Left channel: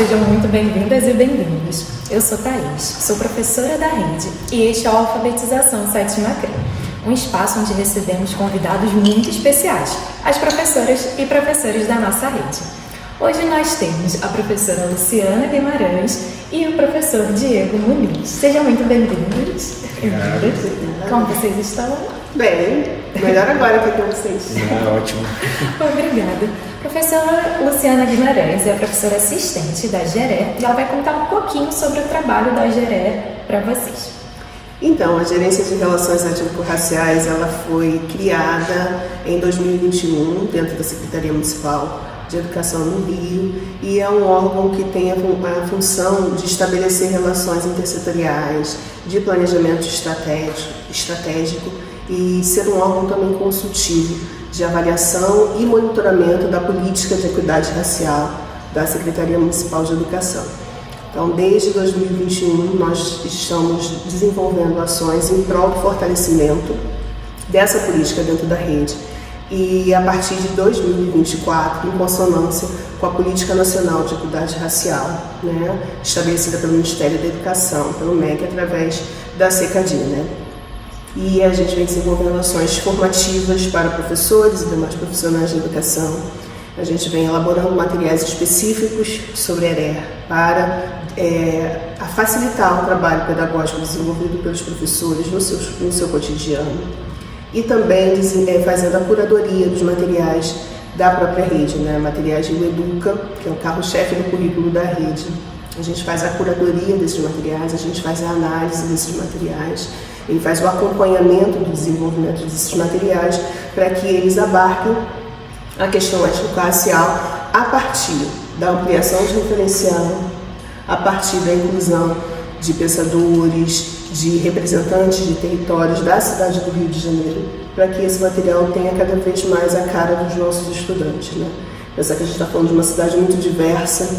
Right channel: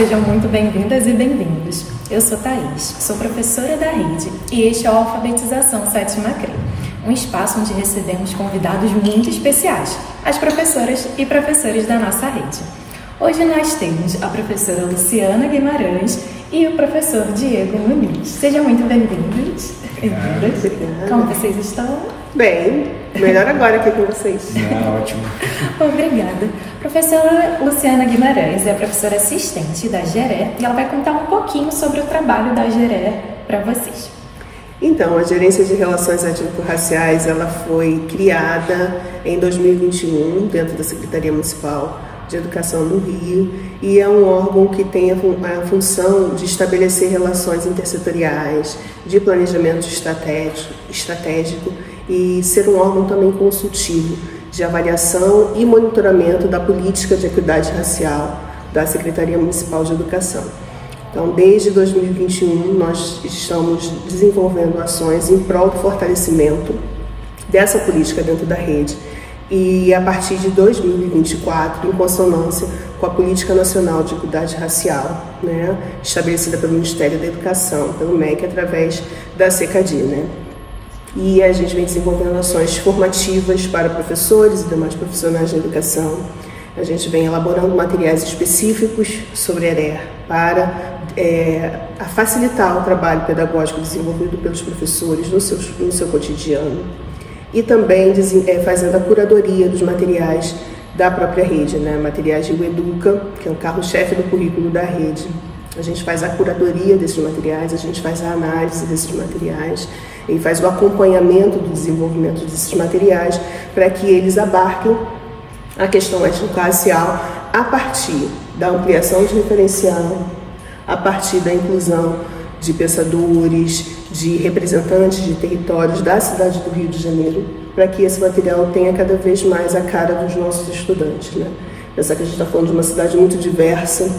sejam muito bem-vindas e bem-vindos. Eu sou Thaís, sou professora da rede e este é o Alfabetização 7ª CRE, um espaço onde recebemos convidados muito especiais, as professoras e professores da nossa rede. Hoje nós temos a professora Luciana Guimarães e o professor Diego Muniz. Sejam muito bem-vindos. Como vocês estão? Bem, melhor agora aqui com vocês. Não, é ótimo. Obrigada. Professora Luciana Guimarães é a professora assistente da GERE e ela vai contar um pouquinho sobre o trabalho da GERE para vocês. Então, a Gerência de Relações Étnico-Raciais ela foi criada em 2021 dentro da Secretaria Municipal de Educação no Rio e é um órgão que tem a função de estabelecer relações intersetoriais, de planejamento estratégico e ser um órgão também consultivo de avaliação e monitoramento da política de equidade racial da Secretaria Municipal de Educação. Então, desde 2021, nós estamos desenvolvendo ações em prol do fortalecimento dessa política dentro da rede. E a partir de 2024, em consonância com a Política Nacional de Equidade Racial, estabelecida pelo Ministério da Educação, pelo MEC, através da CECAD, E a gente vem desenvolvendo ações formativas para professores e demais profissionais de educação. A gente vem elaborando materiais específicos sobre a ERE para facilitar o trabalho pedagógico desenvolvido pelos professores no seu cotidiano. E também fazendo a curadoria dos materiais da própria rede, materiais do Educa, que é o carro-chefe do currículo da rede. A gente faz a curadoria desses materiais, a gente faz a análise desses materiais, e faz o acompanhamento do desenvolvimento desses materiais para que eles abarquem a questão étnico-racial a partir da ampliação de referencial, a partir da inclusão de pensadores, de representantes de territórios da cidade do Rio de Janeiro, para que esse material tenha cada vez mais a cara dos nossos estudantes. Pensar que a gente está falando de uma cidade muito diversa,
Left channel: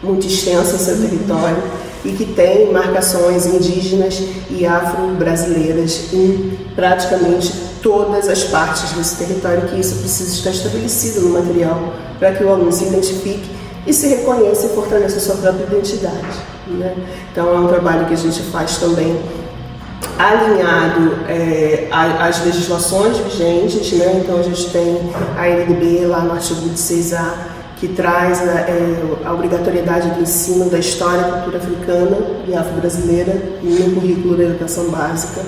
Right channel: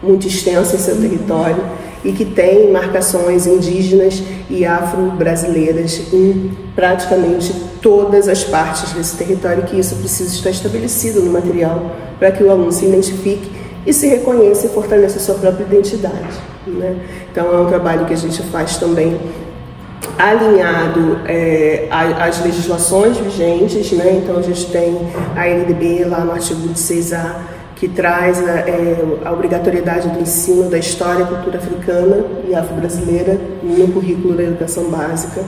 muito extensa em seu território e que tem marcações indígenas e afro-brasileiras em praticamente todas as partes desse território, que isso precisa estar estabelecido no material para que o aluno se identifique e se reconheça e fortaleça a sua própria identidade. Então é um trabalho que a gente faz também alinhado às legislações vigentes, Então a gente tem a LDB lá no artigo 26A, que traz a obrigatoriedade do ensino da história e cultura africana e afro-brasileira no currículo da educação básica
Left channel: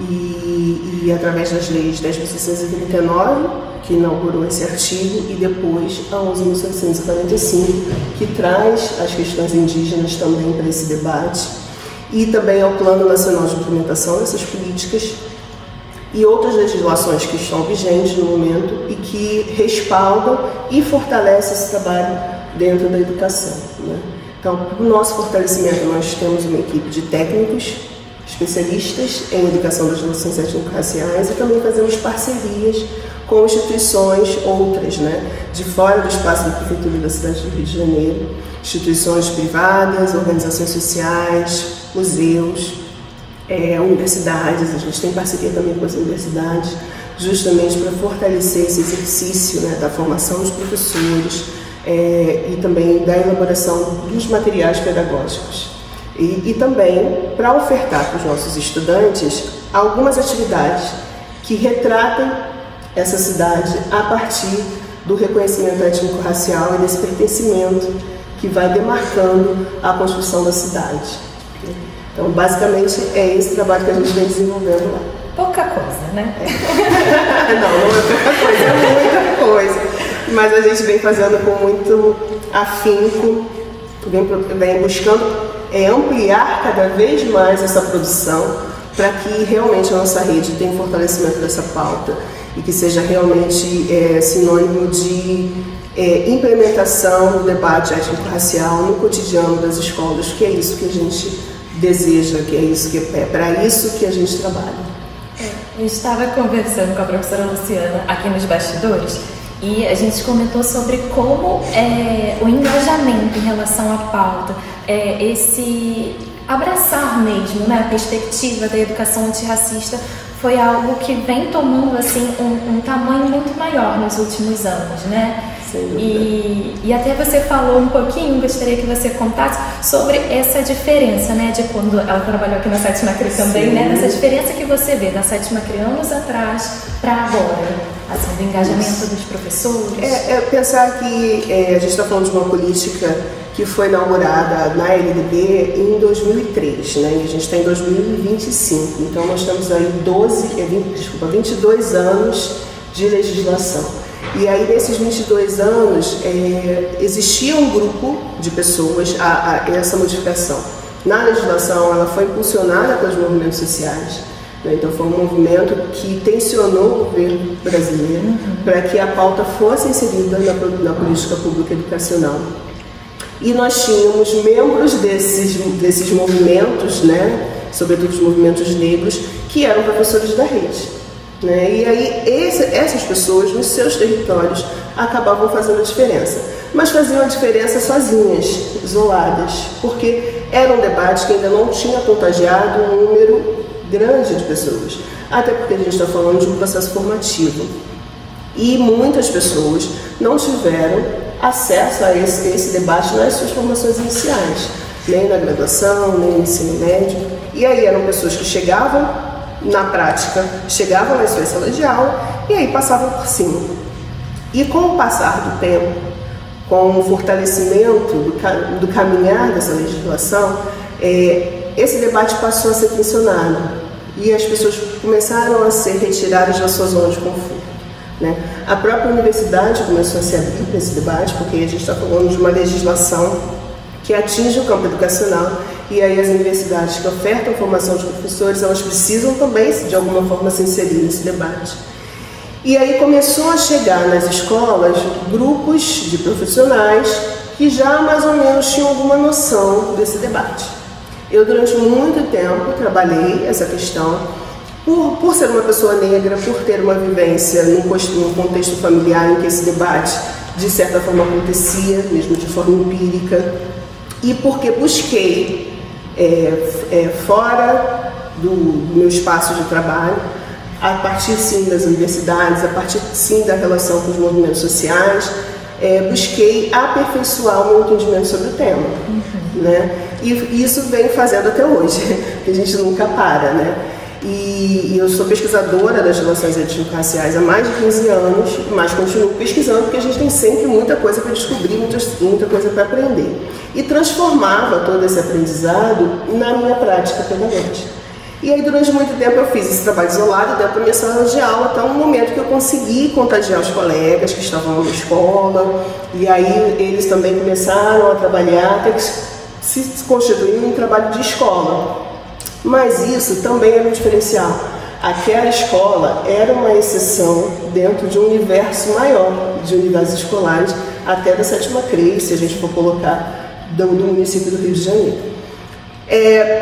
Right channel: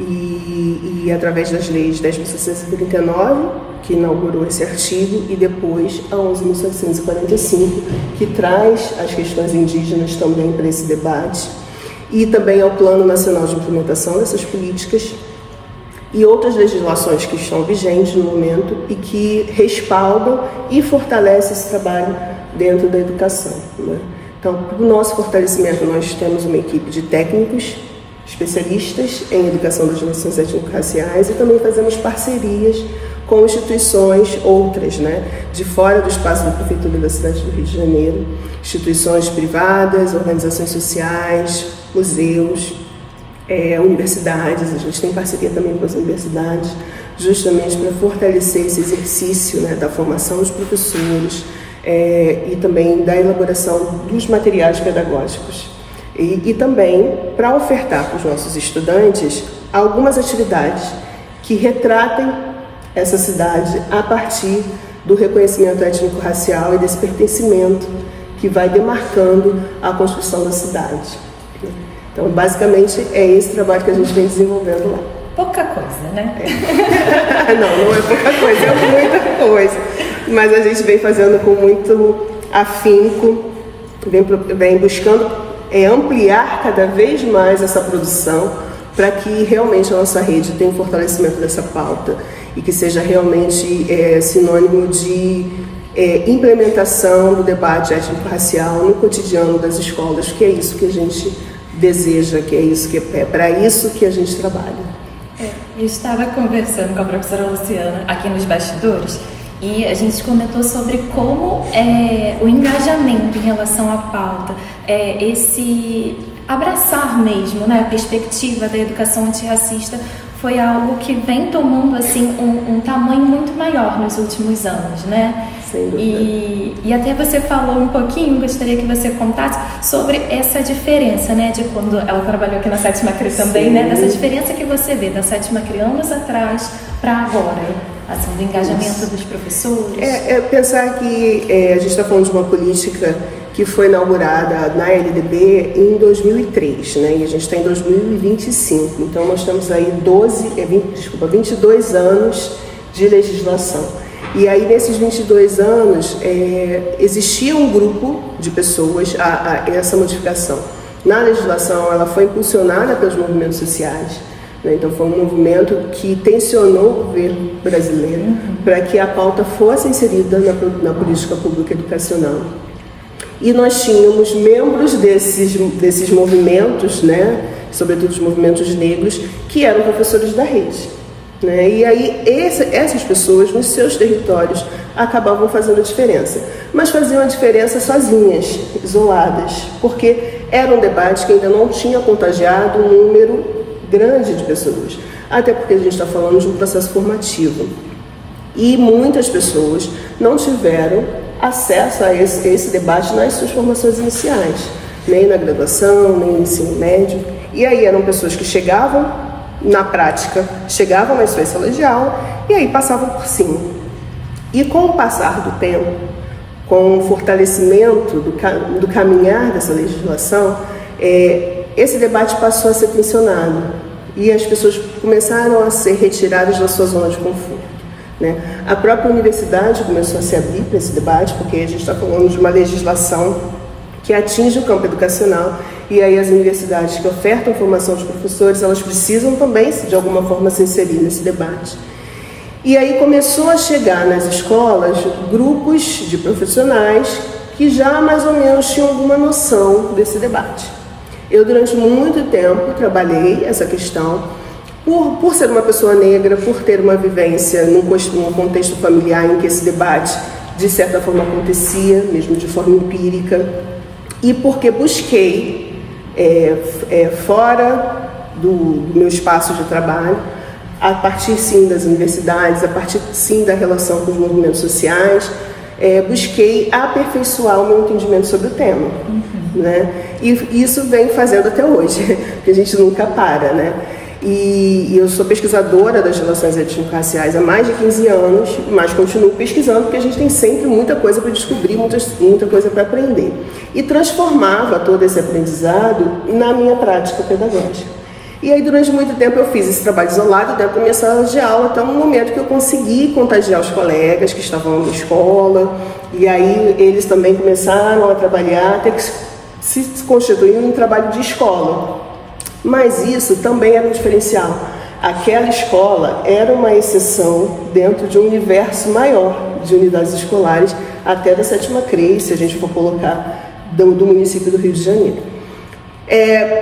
e através das leis 10.639, que inaugurou esse artigo, e depois a 11.745, que traz as questões indígenas também para esse debate, e também ao Plano Nacional de Implementação dessas políticas e outras legislações que estão vigentes no momento e que respaldam e fortalecem esse trabalho dentro da educação. Então, para o nosso fortalecimento, nós temos uma equipe de técnicos, especialistas em educação das relações étnico-raciais e também fazemos parcerias com instituições outras, de fora do espaço da Prefeitura da cidade do Rio de Janeiro, instituições privadas, organizações sociais, museus, universidades. A gente tem parceria também com as universidades, justamente para fortalecer esse exercício da formação dos professores e também da elaboração dos materiais pedagógicos. E também para ofertar para os nossos estudantes algumas atividades que retratem essa cidade a partir do reconhecimento étnico-racial e desse pertencimento que vai demarcando a construção da cidade. Então, basicamente, é esse trabalho que a gente vem desenvolvendo lá. Pouca coisa, Não é pouca coisa, é muita coisa. Mas a gente vem fazendo com muito afinco, vem buscando ampliar cada vez mais essa produção para que realmente a nossa rede tenha um fortalecimento dessa pauta e que seja realmente sinônimo de implementação do debate étnico-racial no cotidiano das escolas, que é isso que a gente deseja, que é para isso que a gente trabalha. Eu estava conversando com a professora Luciana aqui nos bastidores e a gente comentou sobre como o engajamento em relação à pauta, esse abraçar mesmo, a perspectiva da educação antirracista foi algo que vem tomando assim um tamanho muito maior nos últimos anos, né? E até você falou um pouquinho, gostaria que você contasse sobre essa diferença, né, de quando ela trabalhou aqui na Sétima CRE também, sim, né, essa diferença que você vê da Sétima CRE anos atrás para agora, assim, do engajamento dos professores. Pensar que a gente está falando de uma política que foi inaugurada na LDB em 2003, né, e a gente está em 2025, então nós temos aí 22 anos de legislação. E aí, nesses 22 anos, existia um grupo de pessoas, essa modificação. Na legislação, ela foi impulsionada pelos movimentos sociais, né? Então foi um movimento que tensionou o governo brasileiro para que a pauta fosse inserida na política pública educacional. E nós tínhamos membros desses movimentos, né? Sobretudo os movimentos negros, que eram professores da rede. Né? E aí essas pessoas nos seus territórios acabavam fazendo a diferença, mas faziam a diferença sozinhas, isoladas, porque era um debate que ainda não tinha contagiado um número grande de pessoas, até porque a gente está falando de um processo formativo e muitas pessoas não tiveram acesso a esse debate nas suas formações iniciais, nem na graduação, nem no ensino médio. E aí eram pessoas que chegavam na prática, chegavam nas suas salas de aula e aí passavam por cima. E com o passar do tempo, com o fortalecimento do caminhar dessa legislação, esse debate passou a ser tensionado e as pessoas começaram a ser retiradas da sua zona de conforto, né? A própria universidade começou a se abrir para esse debate, porque a gente está falando de uma legislação que atinge o campo educacional. E aí as universidades que ofertam formação de professores, elas precisam também, de alguma forma, se inserir nesse debate. E aí começou a chegar nas escolas grupos de profissionais que já mais ou menos tinham alguma noção desse debate. Eu, durante muito tempo, trabalhei essa questão, por ser uma pessoa negra, por ter uma vivência num contexto familiar em que esse debate, de certa forma, acontecia, mesmo de forma empírica, e porque busquei fora do meu espaço de trabalho, a partir sim das universidades, a partir sim da relação com os movimentos sociais, busquei aperfeiçoar o meu entendimento sobre o tema, né? E isso vem fazendo até hoje, porque a gente nunca para, né? E eu sou pesquisadora das relações étnico-raciais há mais de 15 anos, mas continuo pesquisando porque a gente tem sempre muita coisa para descobrir, muita coisa para aprender. E transformava todo esse aprendizado na minha prática pedagógica. E aí, durante muito tempo, eu fiz esse trabalho isolado dentro da minha sala de aula, até um momento que eu consegui contagiar os colegas que estavam na escola, e aí eles também começaram a trabalhar, até que se constituiu um trabalho de escola. Mas isso também era um diferencial. Aquela escola era uma exceção dentro de um universo maior de unidades escolares, até da Sétima CRE, se a gente for colocar, do município do Rio de Janeiro.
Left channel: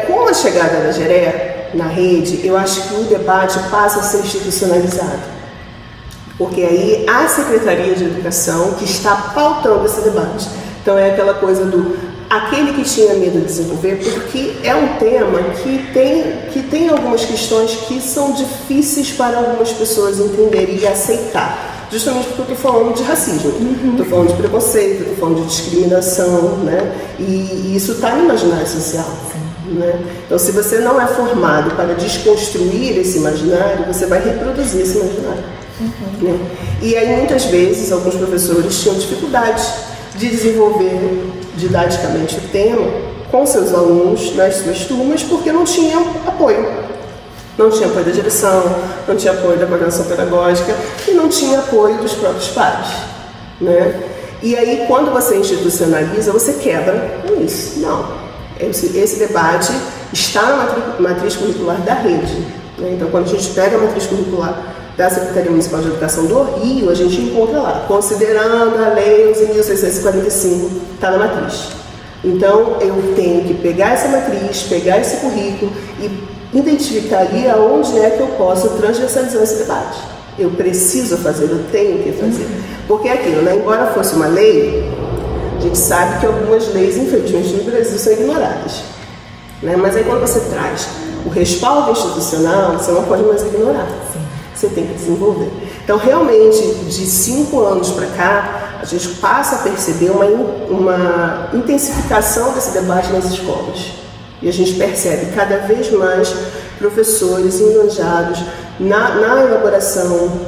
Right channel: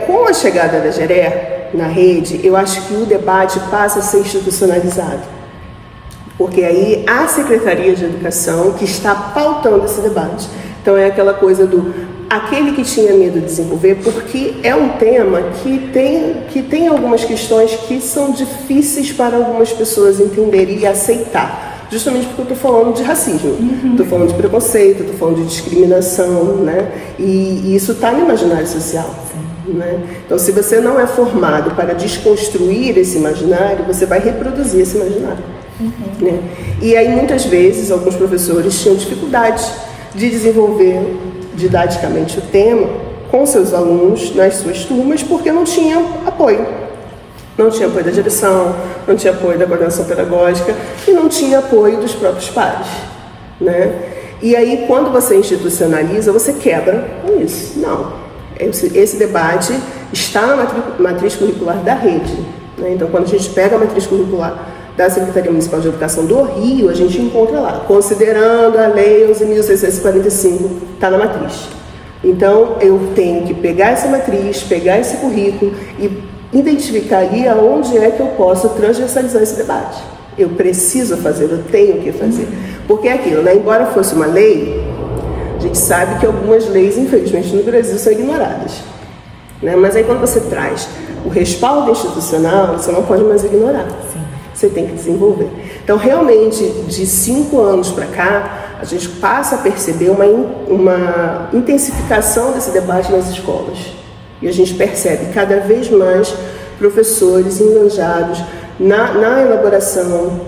Com a chegada da GERE na rede, eu acho que o debate passa a ser institucionalizado, porque aí a Secretaria de Educação que está pautando esse debate. Então é aquela coisa do aquele que tinha medo de desenvolver, porque é um tema que tem algumas questões que são difíceis para algumas pessoas entenderem e aceitar, justamente porque eu estou falando de racismo, estou falando de preconceito, estou falando de discriminação, né? E isso está no imaginário social. Né? Então, se você não é formado para desconstruir esse imaginário, você vai reproduzir esse imaginário. Né? E aí, muitas vezes, alguns professores tinham dificuldades de desenvolver didaticamente o tema com seus alunos nas suas turmas, porque não tinham apoio. Não tinha apoio da direção, não tinha apoio da coordenação pedagógica e não tinha apoio dos próprios pares. Né? E aí, quando você institucionaliza, você quebra com isso. Não. Esse debate está na matriz curricular da rede. Né? Então, quando a gente pega a matriz curricular da Secretaria Municipal de Educação do Rio, a gente encontra lá, considerando a Lei 11.645, está na matriz. Então, eu tenho que pegar essa matriz, pegar esse currículo e identificar ali aonde é que eu posso transversalizar esse debate. Eu preciso fazer, eu tenho que fazer. Porque é aquilo, né? Embora fosse uma lei, a gente sabe que algumas leis, infelizmente, no Brasil são ignoradas. Né? Mas aí quando você traz o respaldo institucional você não pode mais ignorar. Sim. Você tem que desenvolver. Então, realmente, de 5 anos para cá, a gente passa a perceber uma intensificação desse debate nas escolas. E a gente percebe cada vez mais professores engajados na elaboração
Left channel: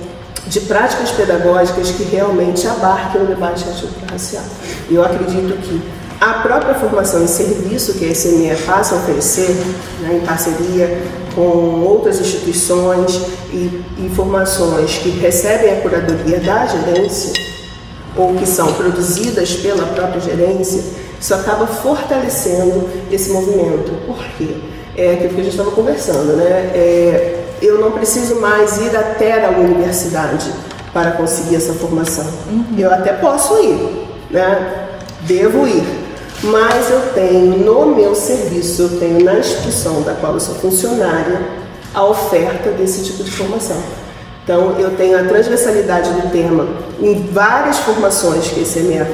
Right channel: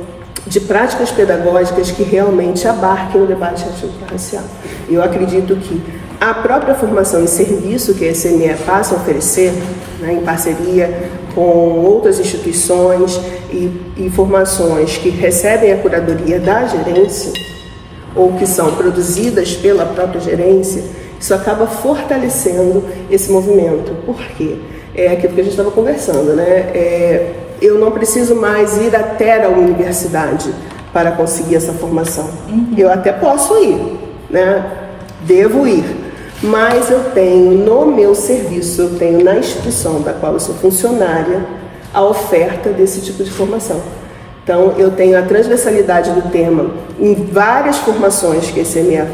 de práticas pedagógicas que realmente abarquem o debate étnico-racial. Eu acredito que a própria formação e serviço que a SME passa a oferecer, né, em parceria com outras instituições e formações que recebem a curadoria da gerência ou que são produzidas pela própria gerência, isso acaba fortalecendo esse movimento. Por quê? É aquilo que a gente estava conversando, né? Eu não preciso mais ir até a universidade para conseguir essa formação. Eu até posso ir, né? Devo ir, mas eu tenho no meu serviço, eu tenho na instituição da qual eu sou funcionária, a oferta desse tipo de formação. Então, eu tenho a transversalidade do tema em várias formações que a SME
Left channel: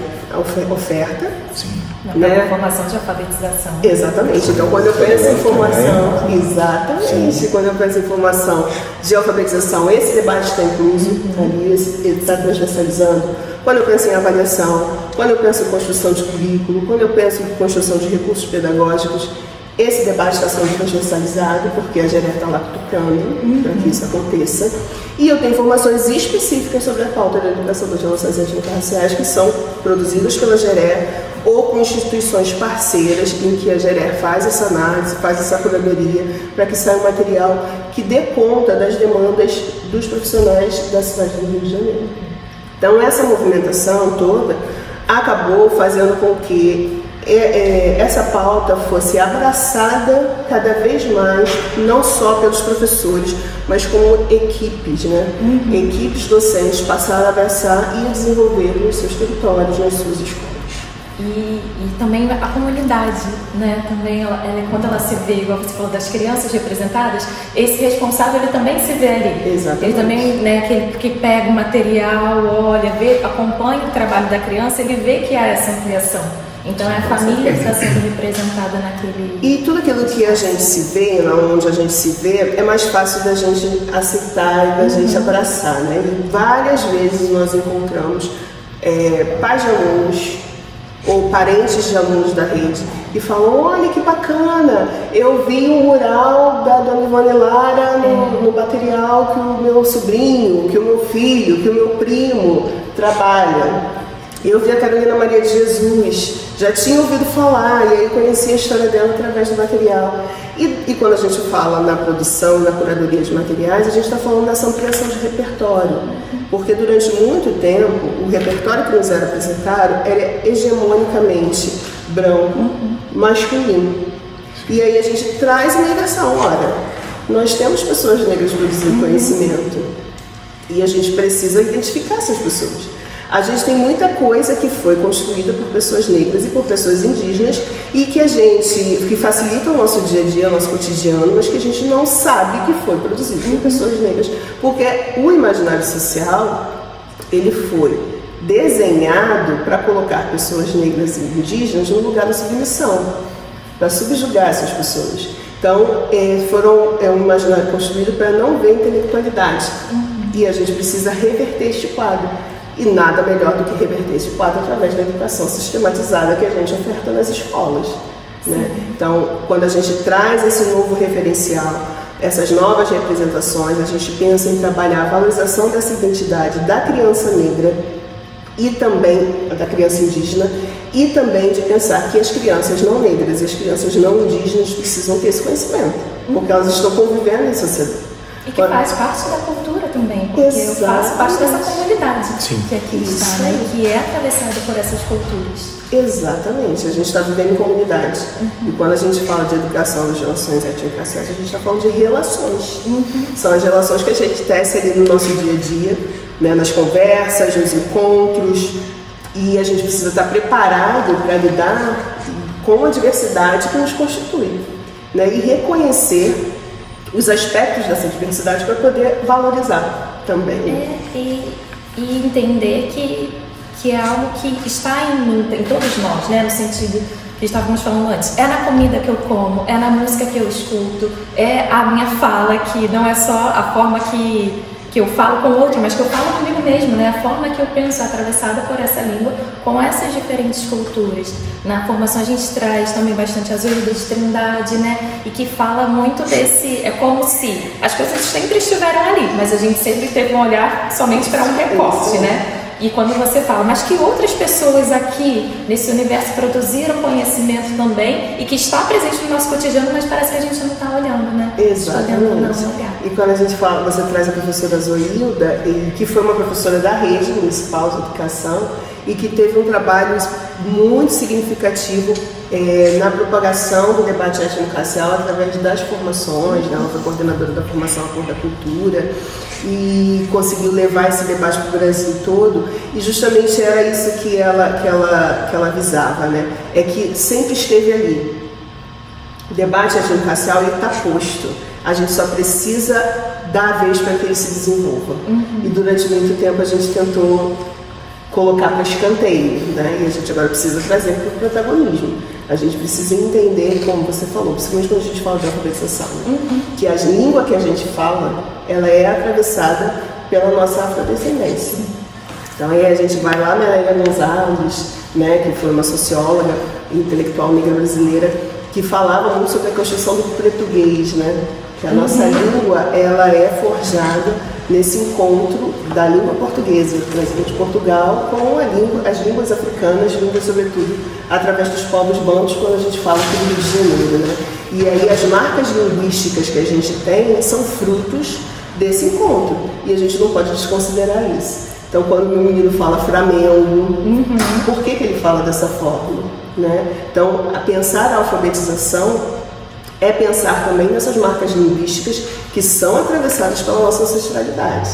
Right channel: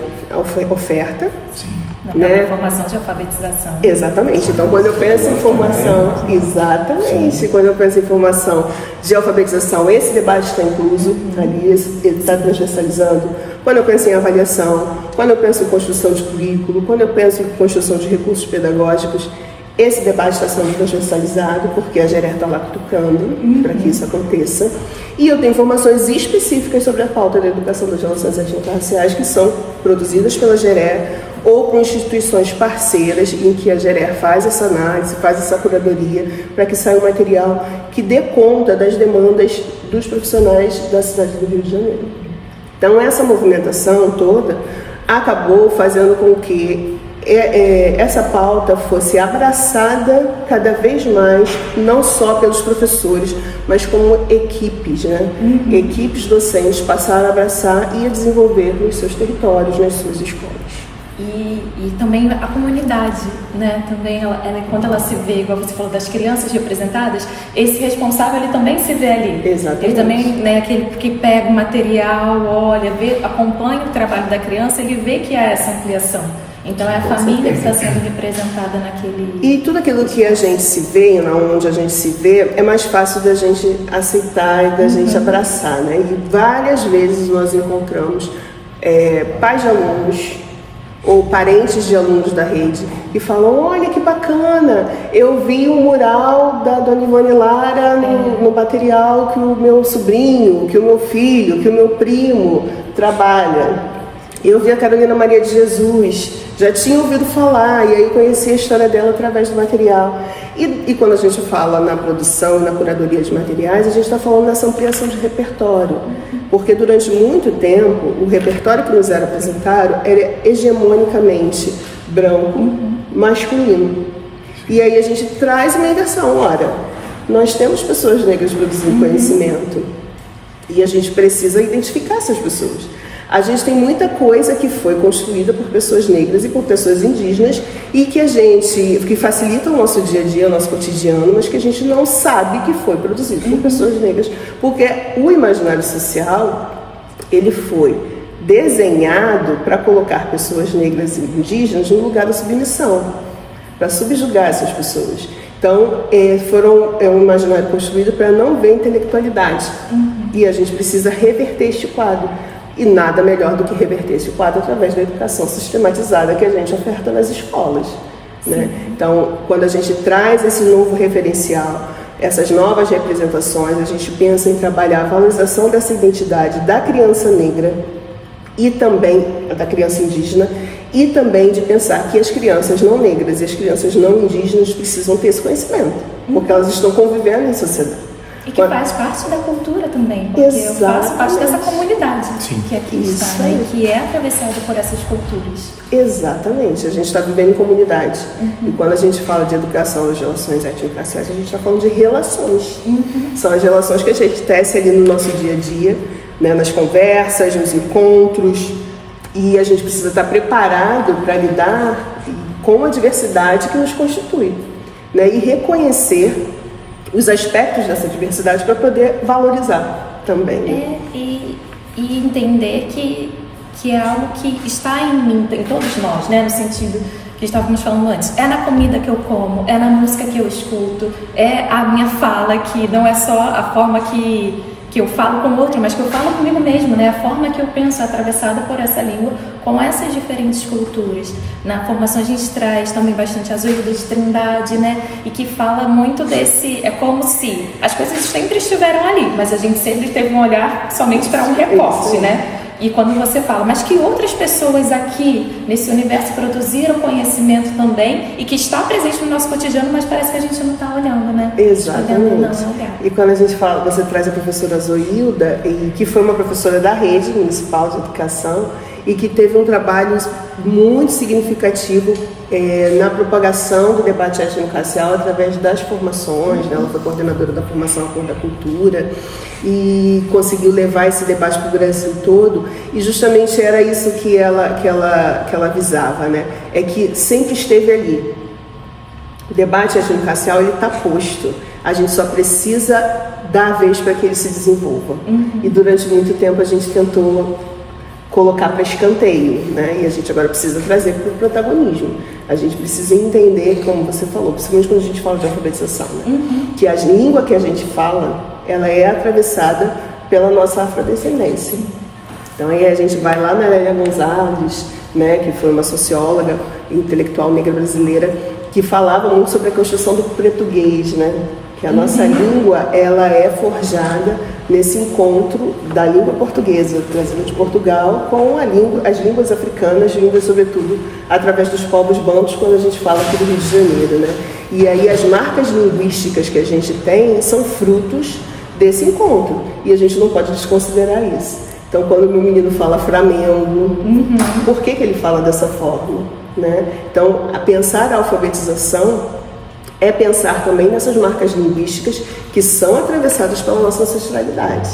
oferta. Sim. Na própria formação de alfabetização. Exatamente. Então, quando eu penso em formação, exatamente, quando eu penso em formação de alfabetização, esse debate está incluso ali, ele está transversalizando. Quando eu penso em avaliação, quando eu penso em construção de currículo, quando eu penso em construção de recursos pedagógicos, esse debate está sendo transversalizado porque a GERE está lá cutucando para que isso aconteça. E eu tenho informações específicas sobre a pauta da educação das relações étnico-raciais que são produzidas pela GERE ou com instituições parceiras em que a GERE faz essa análise, faz essa curadoria para que saia um material que dê conta das demandas dos profissionais da cidade do Rio de Janeiro. Então, essa movimentação toda acabou fazendo com que essa pauta fosse abraçada cada vez mais, não só pelos professores, mas como equipes, né? Equipes docentes passaram a abraçar e a desenvolver nos seus territórios, nas suas escolas. E também a comunidade, né? Também quando ela se vê, igual você falou, das crianças representadas, esse responsável ele também se vê ali. Exatamente. Ele também, né, aquele que pega o material, olha, acompanha o trabalho da criança, ele vê que há essa ampliação. Então é a família que está sendo representada naquele... E tudo aquilo que a gente se vê, onde a gente se vê, é mais fácil da gente aceitar e da gente abraçar, né? E várias vezes nós encontramos pais de alunos ou parentes de alunos da rede que falam: olha que bacana, eu vi o mural da Dona Ivone Lara no material que o meu sobrinho, que o meu filho, que o meu primo trabalha. Eu vi a Carolina Maria de Jesus, já tinha ouvido falar, e aí conheci a história dela através do material. E quando a gente fala na produção e na curadoria de materiais, a gente está falando dessa ampliação de repertório. Porque durante muito tempo, o repertório que nos era apresentado era hegemonicamente branco, masculino. E aí a gente traz uma inversão. Ora, nós temos pessoas negras produzindo conhecimento, e a gente precisa identificar essas pessoas. A gente tem muita coisa que foi construída por pessoas negras e por pessoas indígenas e que facilita o nosso dia a dia, o nosso cotidiano, mas que a gente não sabe que foi produzido por pessoas negras, porque o imaginário social, ele foi desenhado para colocar pessoas negras e indígenas no lugar da submissão, para subjugar essas pessoas. Então, é um imaginário construído para não ver intelectualidade. E a gente precisa reverter este quadro. E nada melhor do que reverter esse quadro através da educação sistematizada que a gente oferta nas escolas, né? Então, quando a gente traz esse novo referencial, essas novas representações, a gente pensa em trabalhar a valorização dessa identidade da criança negra e também da criança indígena, e também de pensar que as crianças não negras e as crianças não indígenas precisam ter esse conhecimento, porque elas estão convivendo em sociedade. E que faz parte da cultura também, porque eu faço parte dessa comunidade que aqui está, né? E que é atravessada por essas culturas. Exatamente, a gente está vivendo em comunidade. E quando a gente fala de educação das relações étnico-raciais, a gente está falando de relações. São as relações que a gente tece ali no nosso dia a dia, né? Nas conversas, nos encontros. E a gente precisa estar preparado para lidar com a diversidade que nos constitui, né? E reconhecer os aspectos dessa diversidade para poder valorizar também. E entender que é algo que está em mim, em todos nós, né? No sentido que estávamos falando antes. É na comida que eu como, é na música que eu escuto, é a minha fala, que não é só a forma que eu falo com o outro, mas que eu falo comigo mesmo, né? A forma que eu penso atravessada por essa língua, com essas diferentes culturas. Na formação a gente traz também bastante a Zoe de Trindade, né? E que fala muito desse... É como se as coisas sempre estiveram ali, mas a gente sempre teve um olhar somente para um recorte, né? E quando você fala, mas que outras pessoas aqui nesse universo produziram conhecimento também e que está presente no nosso cotidiano, mas parece que a gente não está olhando, né? Exatamente. Não olhar. E quando a gente fala, você traz a professora Zoilda, que foi uma professora da Rede Municipal de Educação e que teve um trabalho muito significativo na propagação do debate étnico-racial através das formações, né? Ela foi coordenadora da formação A Cor da Cultura e conseguiu levar esse debate para o Brasil todo, e justamente era isso que ela visava, né? É que sempre esteve ali. O debate étnico-racial está posto, a gente só precisa dar vez para que ele se desenvolva. E durante muito tempo a gente tentou colocar para escanteio, né? E a gente agora precisa trazer para o protagonismo. A gente precisa entender, como você falou, principalmente quando a gente fala de alfabetização, né? Que a língua que a gente fala, ela é atravessada pela nossa afrodescendência. Então aí a gente vai lá na Lélia Gonzalez, né, que foi uma socióloga intelectual negra brasileira, que falava muito sobre a construção do português, né? Que a nossa língua, ela é forjada nesse encontro da língua portuguesa, trazida de Portugal, com as línguas africanas, vindas sobretudo através dos povos bantos, quando a gente fala aqui do Rio de Janeiro, né? E aí as marcas linguísticas que a gente tem são frutos desse encontro, e a gente não pode desconsiderar isso. Então, quando o meu menino fala Flamengo, por que ele fala dessa forma, né? Então, pensar a alfabetização é pensar também nessas marcas linguísticas que são atravessadas pela nossa ancestralidade,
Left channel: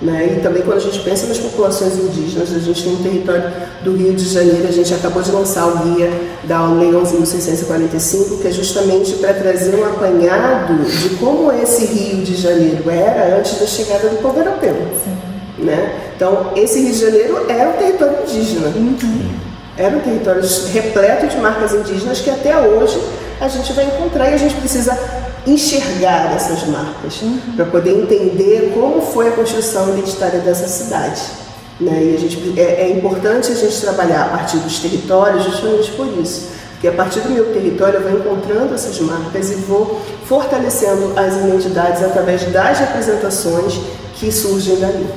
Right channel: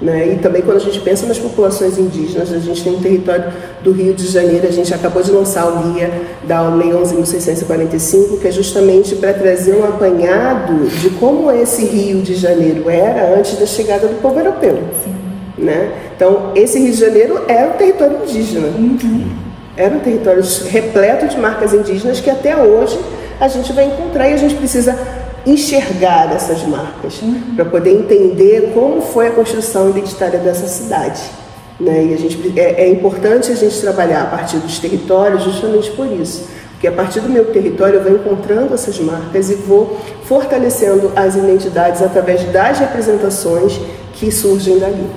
né? E também quando a gente pensa nas populações indígenas, a gente tem um território do Rio de Janeiro, a gente acabou de lançar o guia da Lei 11.645, que é justamente para trazer um apanhado de como esse Rio de Janeiro era antes da chegada do povo europeu. Né? Então, esse Rio de Janeiro era um território indígena. Era um território repleto de marcas indígenas que até hoje a gente vai encontrar, e a gente precisa enxergar essas marcas para poder entender como foi a construção identitária dessa cidade, né? E é importante a gente trabalhar a partir dos territórios justamente por isso, porque a partir do meu território eu vou encontrando essas marcas e vou fortalecendo as identidades através das representações que surgem dali.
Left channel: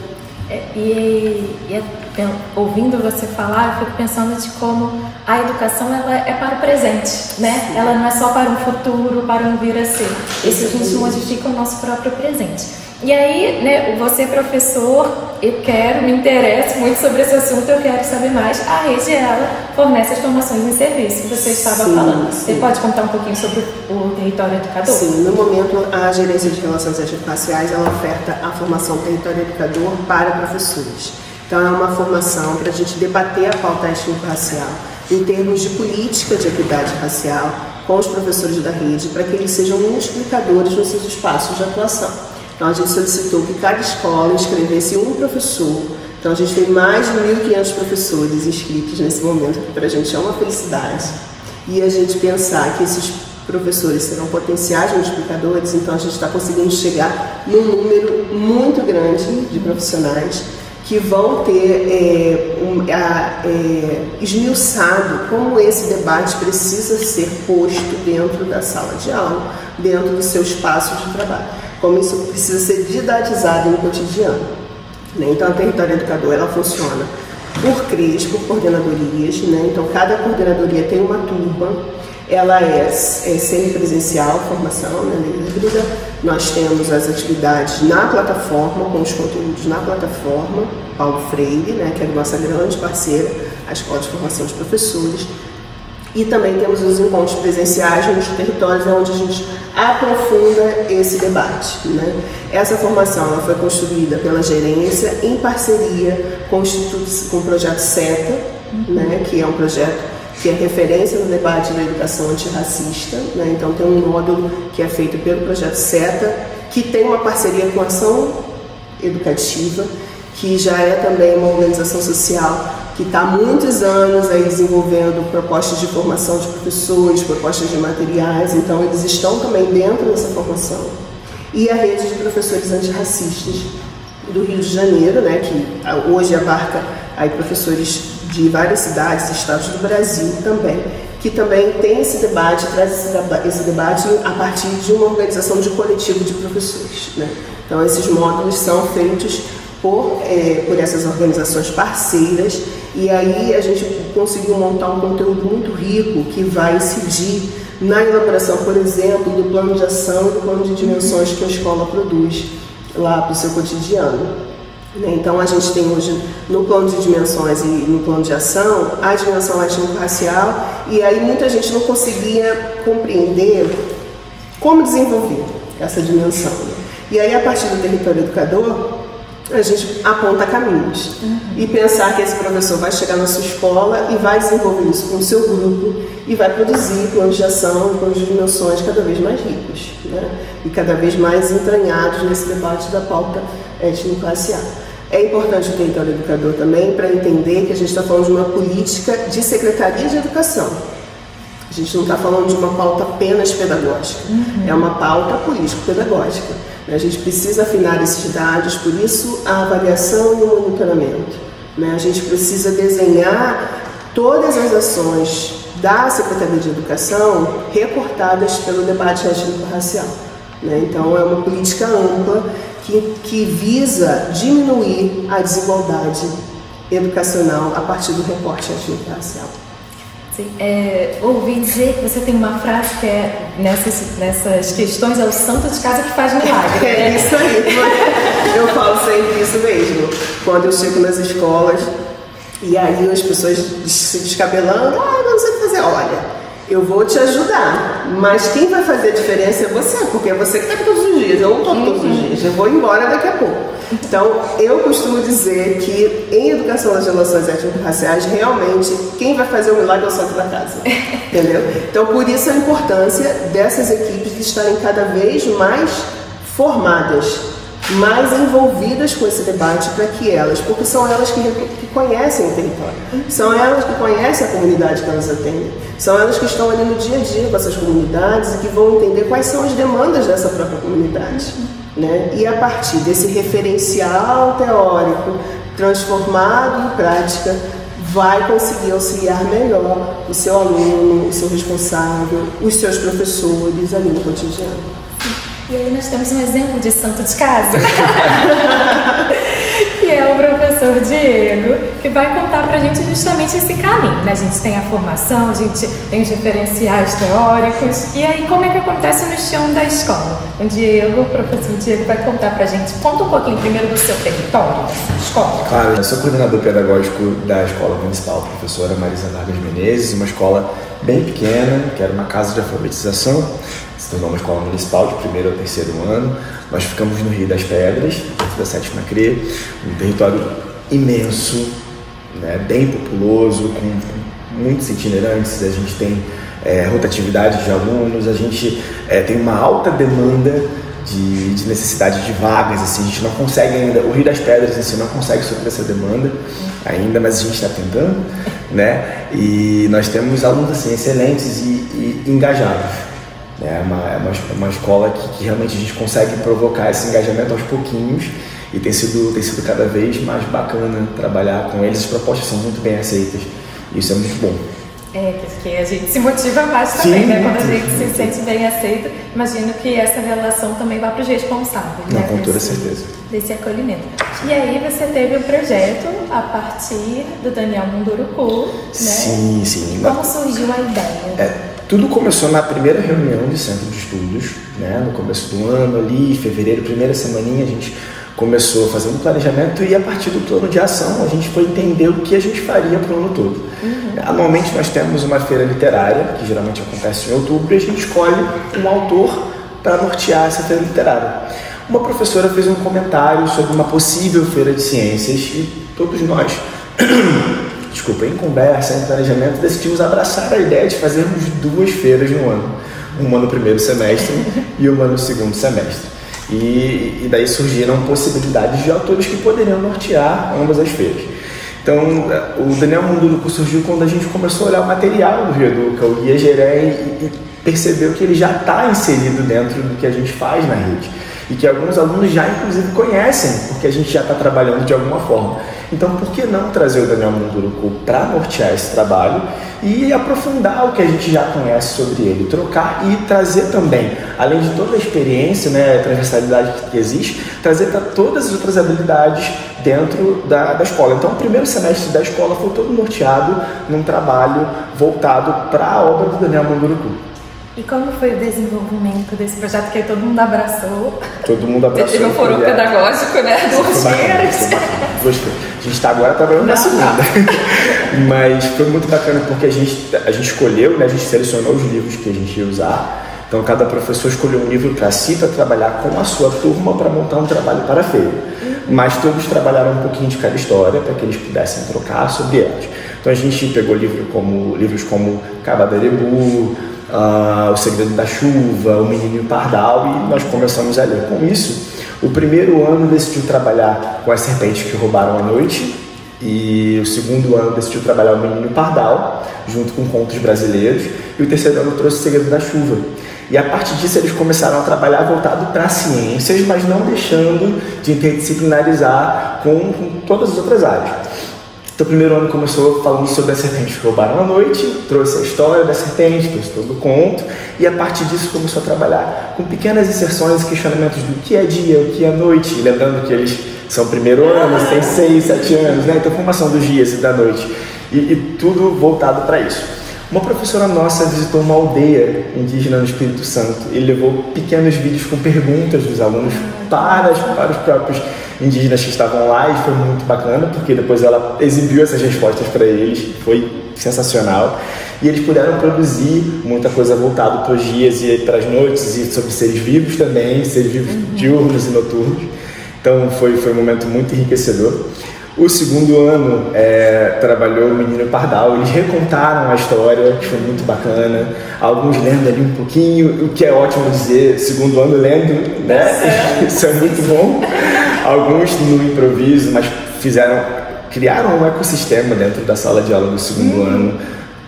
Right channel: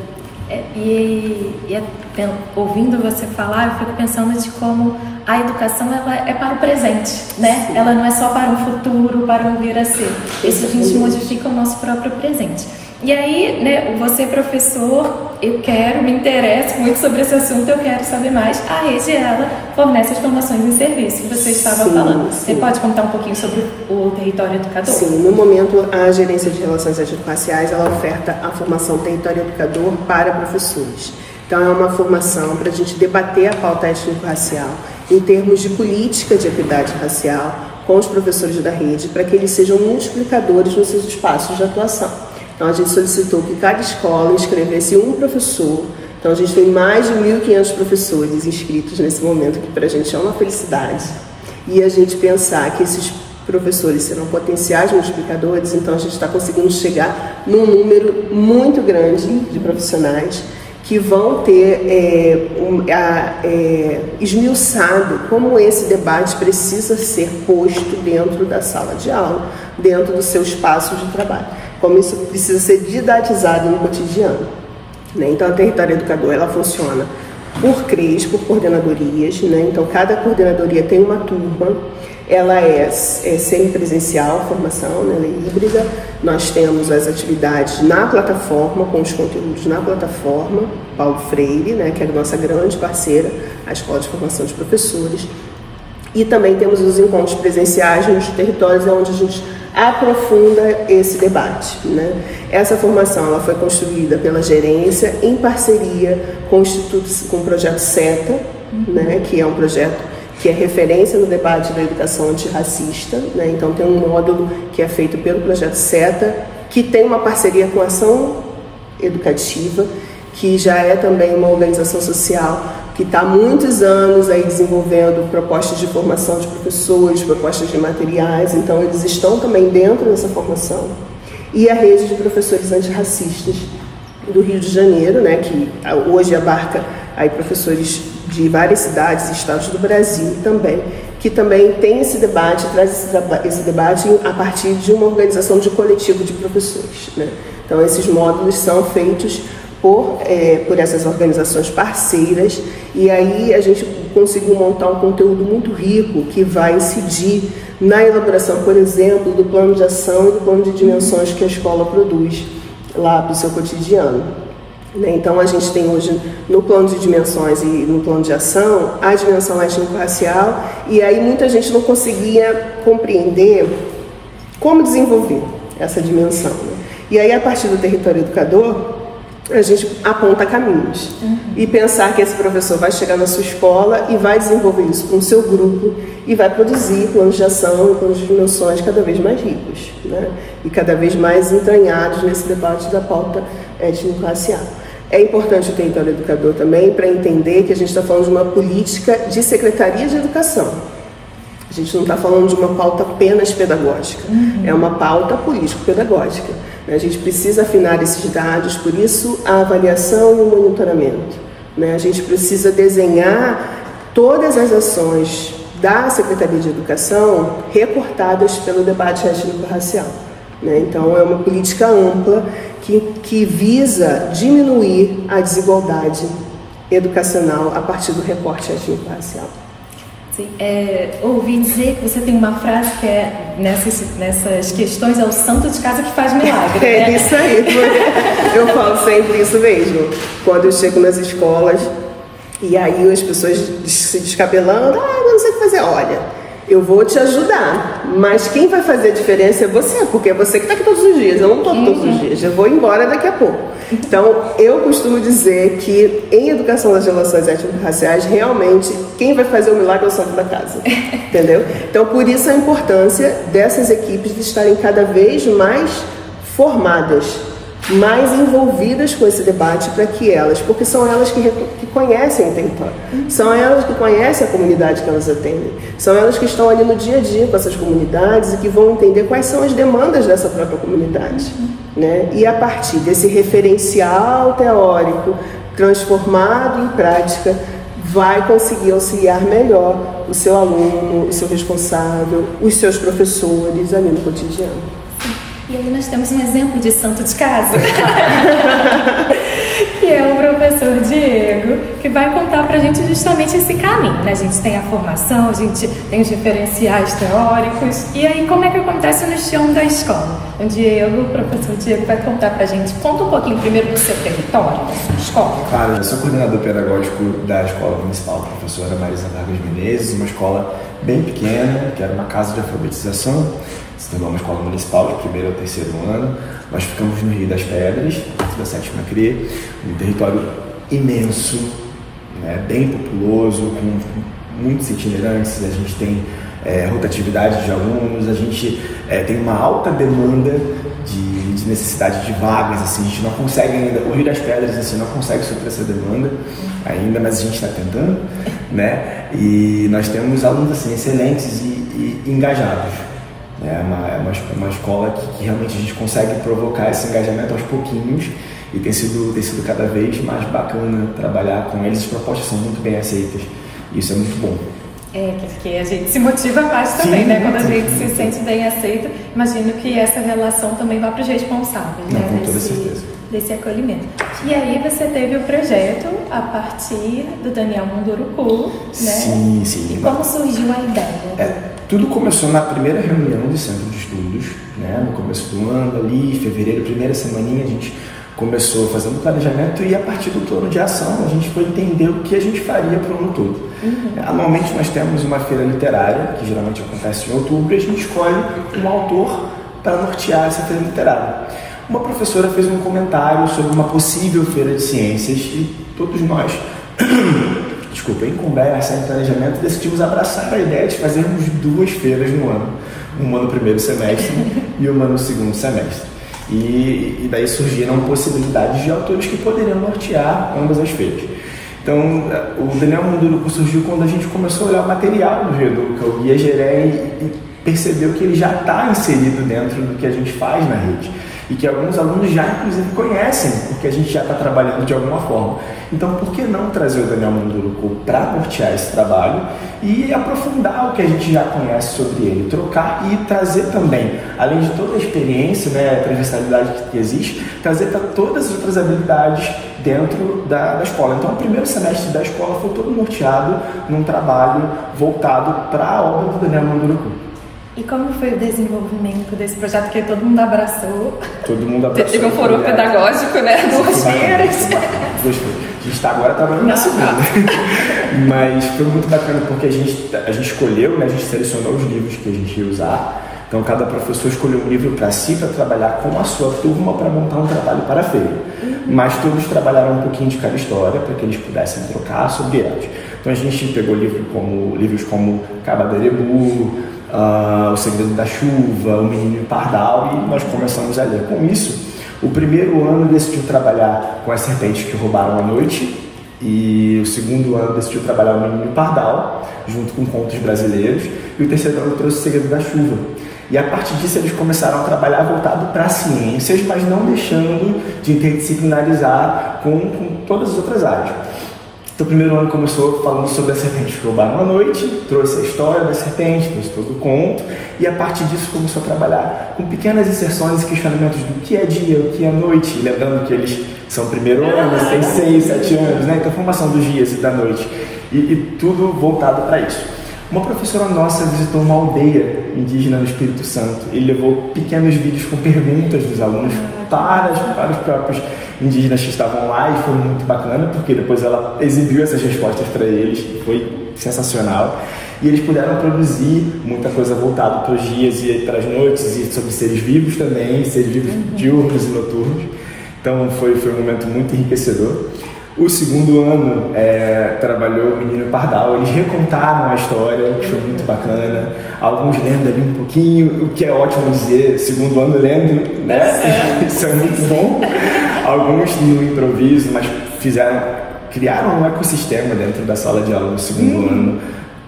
Ouvindo você falar, eu fico pensando de como a educação ela é para o presente, né? Ela não é só para um futuro, para um vir a ser. Esse a gente modifica o nosso próprio presente. E aí, né, você professor, me interesso muito sobre esse assunto, eu quero saber mais. A Rede ela fornece as formações em serviço que você estava falando. Você pode contar um pouquinho sobre o território educador? Sim, no momento a Gerência de Relações Étnico-Raciais ela oferta a formação território educador para professores. Então é uma formação para a gente debater a pauta étnico-racial em termos de política de equidade racial com os professores da rede, para que eles sejam multiplicadores nos seus espaços de atuação. Então a gente solicitou que cada escola inscrevesse um professor. Então a gente tem mais de 1.500 professores inscritos nesse momento, que para a gente é uma felicidade. E a gente pensar que esses professores serão potenciais multiplicadores, então a gente está conseguindo chegar num número muito grande de profissionais que vão ter esmiuçado como esse debate precisa ser posto dentro da sala de aula, dentro do seu espaço de trabalho, como isso precisa ser didatizado no cotidiano, né? Então a Território Educador ela funciona por CREs, por coordenadorias, né? Então cada coordenadoria tem uma turma. Ela é semipresencial, formação, né, híbrida. Nós temos as atividades na plataforma, com os conteúdos na plataforma, Paulo Freire, né, que é a nossa grande parceira, a Escola de Formação de Professores. E também temos os encontros presenciais nos territórios, onde a gente aprofunda esse debate, né? Essa formação ela foi construída pela gerência em parceria com o Instituto, com o projeto CETA, né, que é um projeto que é referência no debate da educação antirracista, né? Então tem um módulo que é feito pelo projeto CETA, que tem uma parceria com a Ação Educativa, que já é também uma organização social que está há muitos anos aí desenvolvendo propostas de formação de professores, propostas de materiais, então eles estão também dentro dessa formação. E a rede de professores antirracistas do Rio de Janeiro, né, que hoje abarca aí professores de várias cidades e estados do Brasil também, que também tem esse debate, traz esse debate a partir de uma organização de coletivo de professores, né? Então esses módulos são feitos por essas organizações parceiras, e aí a gente conseguiu montar um conteúdo muito rico que vai incidir na elaboração, por exemplo, do plano de ação e do plano de dimensões que a escola produz lá para o seu cotidiano. Então a gente tem hoje no plano de dimensões e no plano de ação a dimensão étnico-racial, e aí muita gente não conseguia compreender como desenvolver essa dimensão, né? E aí a partir do território educador a gente aponta caminhos e pensar que esse professor vai chegar na sua escola e vai desenvolver isso com o seu grupo e vai produzir planos de ação e planos de dimensões cada vez mais ricos, né? E cada vez mais entranhados nesse debate da pauta étnico-racial. É importante o território educador também para entender que a gente está falando de uma política de secretaria de educação. A gente não está falando de uma pauta apenas pedagógica, é uma pauta político-pedagógica. A gente precisa afinar esses dados, por isso a avaliação e o monitoramento, né? A gente precisa desenhar todas as ações da Secretaria de Educação recortadas pelo debate étnico-racial, né? Então é uma política ampla que visa diminuir a desigualdade educacional a partir do recorte étnico-racial. Ouvi dizer que você tem uma frase que é nessas questões, é o santo de casa que faz milagre, né? É isso aí, eu falo sempre isso mesmo. Quando eu chego nas escolas e aí as pessoas se descabelando, eu não sei o que fazer. Olha, eu vou te ajudar, mas quem vai fazer a diferença é você, porque é você que está aqui todos os dias, eu não estou todos os dias, eu vou embora daqui a pouco. Então, eu costumo dizer que em educação das relações étnico-raciais, realmente, quem vai fazer o milagre é o santo da casa, entendeu? Então, por isso a importância dessas equipes estarem cada vez mais formadas, mais envolvidas com esse debate, para que elas, porque são elas que conhecem o território, são elas que conhecem a comunidade que elas atendem, são elas que estão ali no dia a dia com essas comunidades e que vão entender quais são as demandas dessa própria comunidade, né? E a partir desse referencial teórico transformado em prática, vai conseguir auxiliar melhor o seu aluno, o seu responsável, os seus professores ali no cotidiano. E aí nós temos um exemplo de santo de casa, que é o professor Diego, que vai contar pra gente justamente esse caminho, né? A gente tem a formação, a gente tem os referenciais teóricos, e aí como é que acontece no chão da escola? O professor Diego vai contar pra gente. Conta um pouquinho primeiro do seu território, da sua escola. Claro, eu sou coordenador pedagógico da Escola Municipal Professora Marisa Vargas Menezes, uma escola bem pequena, que era uma casa de alfabetização. Se tornou uma escola municipal de primeiro ao terceiro ano. Nós ficamos no Rio das Pedras, da 7ª CRE, um território imenso, né, bem populoso, com muitos itinerantes. A gente tem rotatividade de alunos, a gente tem uma alta demanda de necessidade de vagas. Assim, a gente não consegue ainda, o Rio das Pedras assim, não consegue suprir essa demanda ainda, mas a gente está tentando, né? E nós temos alunos assim, excelentes e engajados. É uma escola que realmente a gente consegue provocar esse engajamento aos pouquinhos, e tem sido cada vez mais bacana trabalhar com eles. As propostas são muito bem aceitas, e isso é muito bom. Porque a gente se motiva mais também, né? Quando a gente se sente bem aceito, imagino que essa relação também vai para os responsáveis, né? Com toda certeza. Desse acolhimento. E aí você teve o projeto a partir do Daniel Munduruku, né? Sim. E como surgiu a ideia? Tudo começou na primeira reunião do Centro de Estudos, né? No começo do ano, ali, em fevereiro, primeira semaninha, a gente começou fazendo planejamento, e a partir do plano de ação a gente foi entender o que a gente faria para o ano todo. Anualmente nós temos uma feira literária, que geralmente acontece em outubro, e a gente escolhe um autor para nortear essa feira literária. Uma professora fez um comentário sobre uma possível feira de ciências, e todos nós, em conversa, em planejamento, decidimos abraçar a ideia de fazermos 2 feiras no ano. Uma no primeiro semestre e uma no segundo semestre. E daí surgiram possibilidades de autores que poderiam nortear ambas as feiras. Então, o Daniel Munduruku surgiu quando a gente começou a olhar o material do Educa, o Guia Geré, e percebeu que ele já está inserido dentro do que a gente faz na rede. E que alguns alunos já, inclusive, conhecem, porque a gente já está trabalhando de alguma forma. Então, por que não trazer o Daniel Munduruku para nortear esse trabalho e aprofundar o que a gente já conhece sobre ele, trocar e trazer também, além de toda a experiência, né, a transversalidade que existe, trazer para todas as outras habilidades dentro da escola. Então, o primeiro semestre da escola foi todo norteado num trabalho voltado para a obra do Daniel Munduruku. E como foi o desenvolvimento desse projeto que todo mundo abraçou? Todo mundo abraçou. Você tive um foro pedagógico, né? Duas feiras. Gostei. A gente está agora trabalhando na segunda. Mas foi muito bacana porque a gente escolheu, né? A gente selecionou os livros que a gente ia usar. Então, cada professor escolheu um livro para si, para trabalhar com a sua turma, para montar um trabalho para a feira. Mas todos trabalharam um pouquinho de cada história, para que eles pudessem trocar sobre elas. Então, a gente pegou livros como Cabadelebu, O Segredo da Chuva, O Menino Pardal, e nós começamos a ler. Com isso, o primeiro ano decidiu trabalhar com As Serpentes que Roubaram a Noite, e o segundo ano decidiu trabalhar O Menino Pardal, junto com contos brasileiros, e o terceiro ano trouxe O Segredo da Chuva. E a partir disso eles começaram a trabalhar voltado para ciências, mas não deixando de interdisciplinarizar com todas as outras áreas. Então, o primeiro ano começou falando sobre as serpentes que roubaram a noite, trouxe a história das serpentes, trouxe todo o conto, e a partir disso começou a trabalhar com pequenas inserções e questionamentos do que é dia, o que é noite, e lembrando que eles são primeiro ano, têm 6, 7 anos, né? Então, formação dos dias e da noite, e tudo voltado para isso. Uma professora nossa visitou uma aldeia indígena no Espírito Santo e levou pequenos vídeos com perguntas dos alunos para os próprios indígenas que estavam lá, e foi muito bacana, porque depois ela exibiu essas respostas para eles, foi sensacional. E eles puderam produzir muita coisa voltada para os dias e para as noites, e sobre seres vivos também, seres vivos diurnos e noturnos. Então foi um momento muito enriquecedor. O segundo ano trabalhou o Menino Pardal, eles recontaram a história, que foi muito bacana, alguns lendo ali um pouquinho, o que é ótimo dizer, segundo ano lendo, né? Isso é muito bom. Alguns no improviso, mas criaram um ecossistema dentro da sala de aula do segundo ano,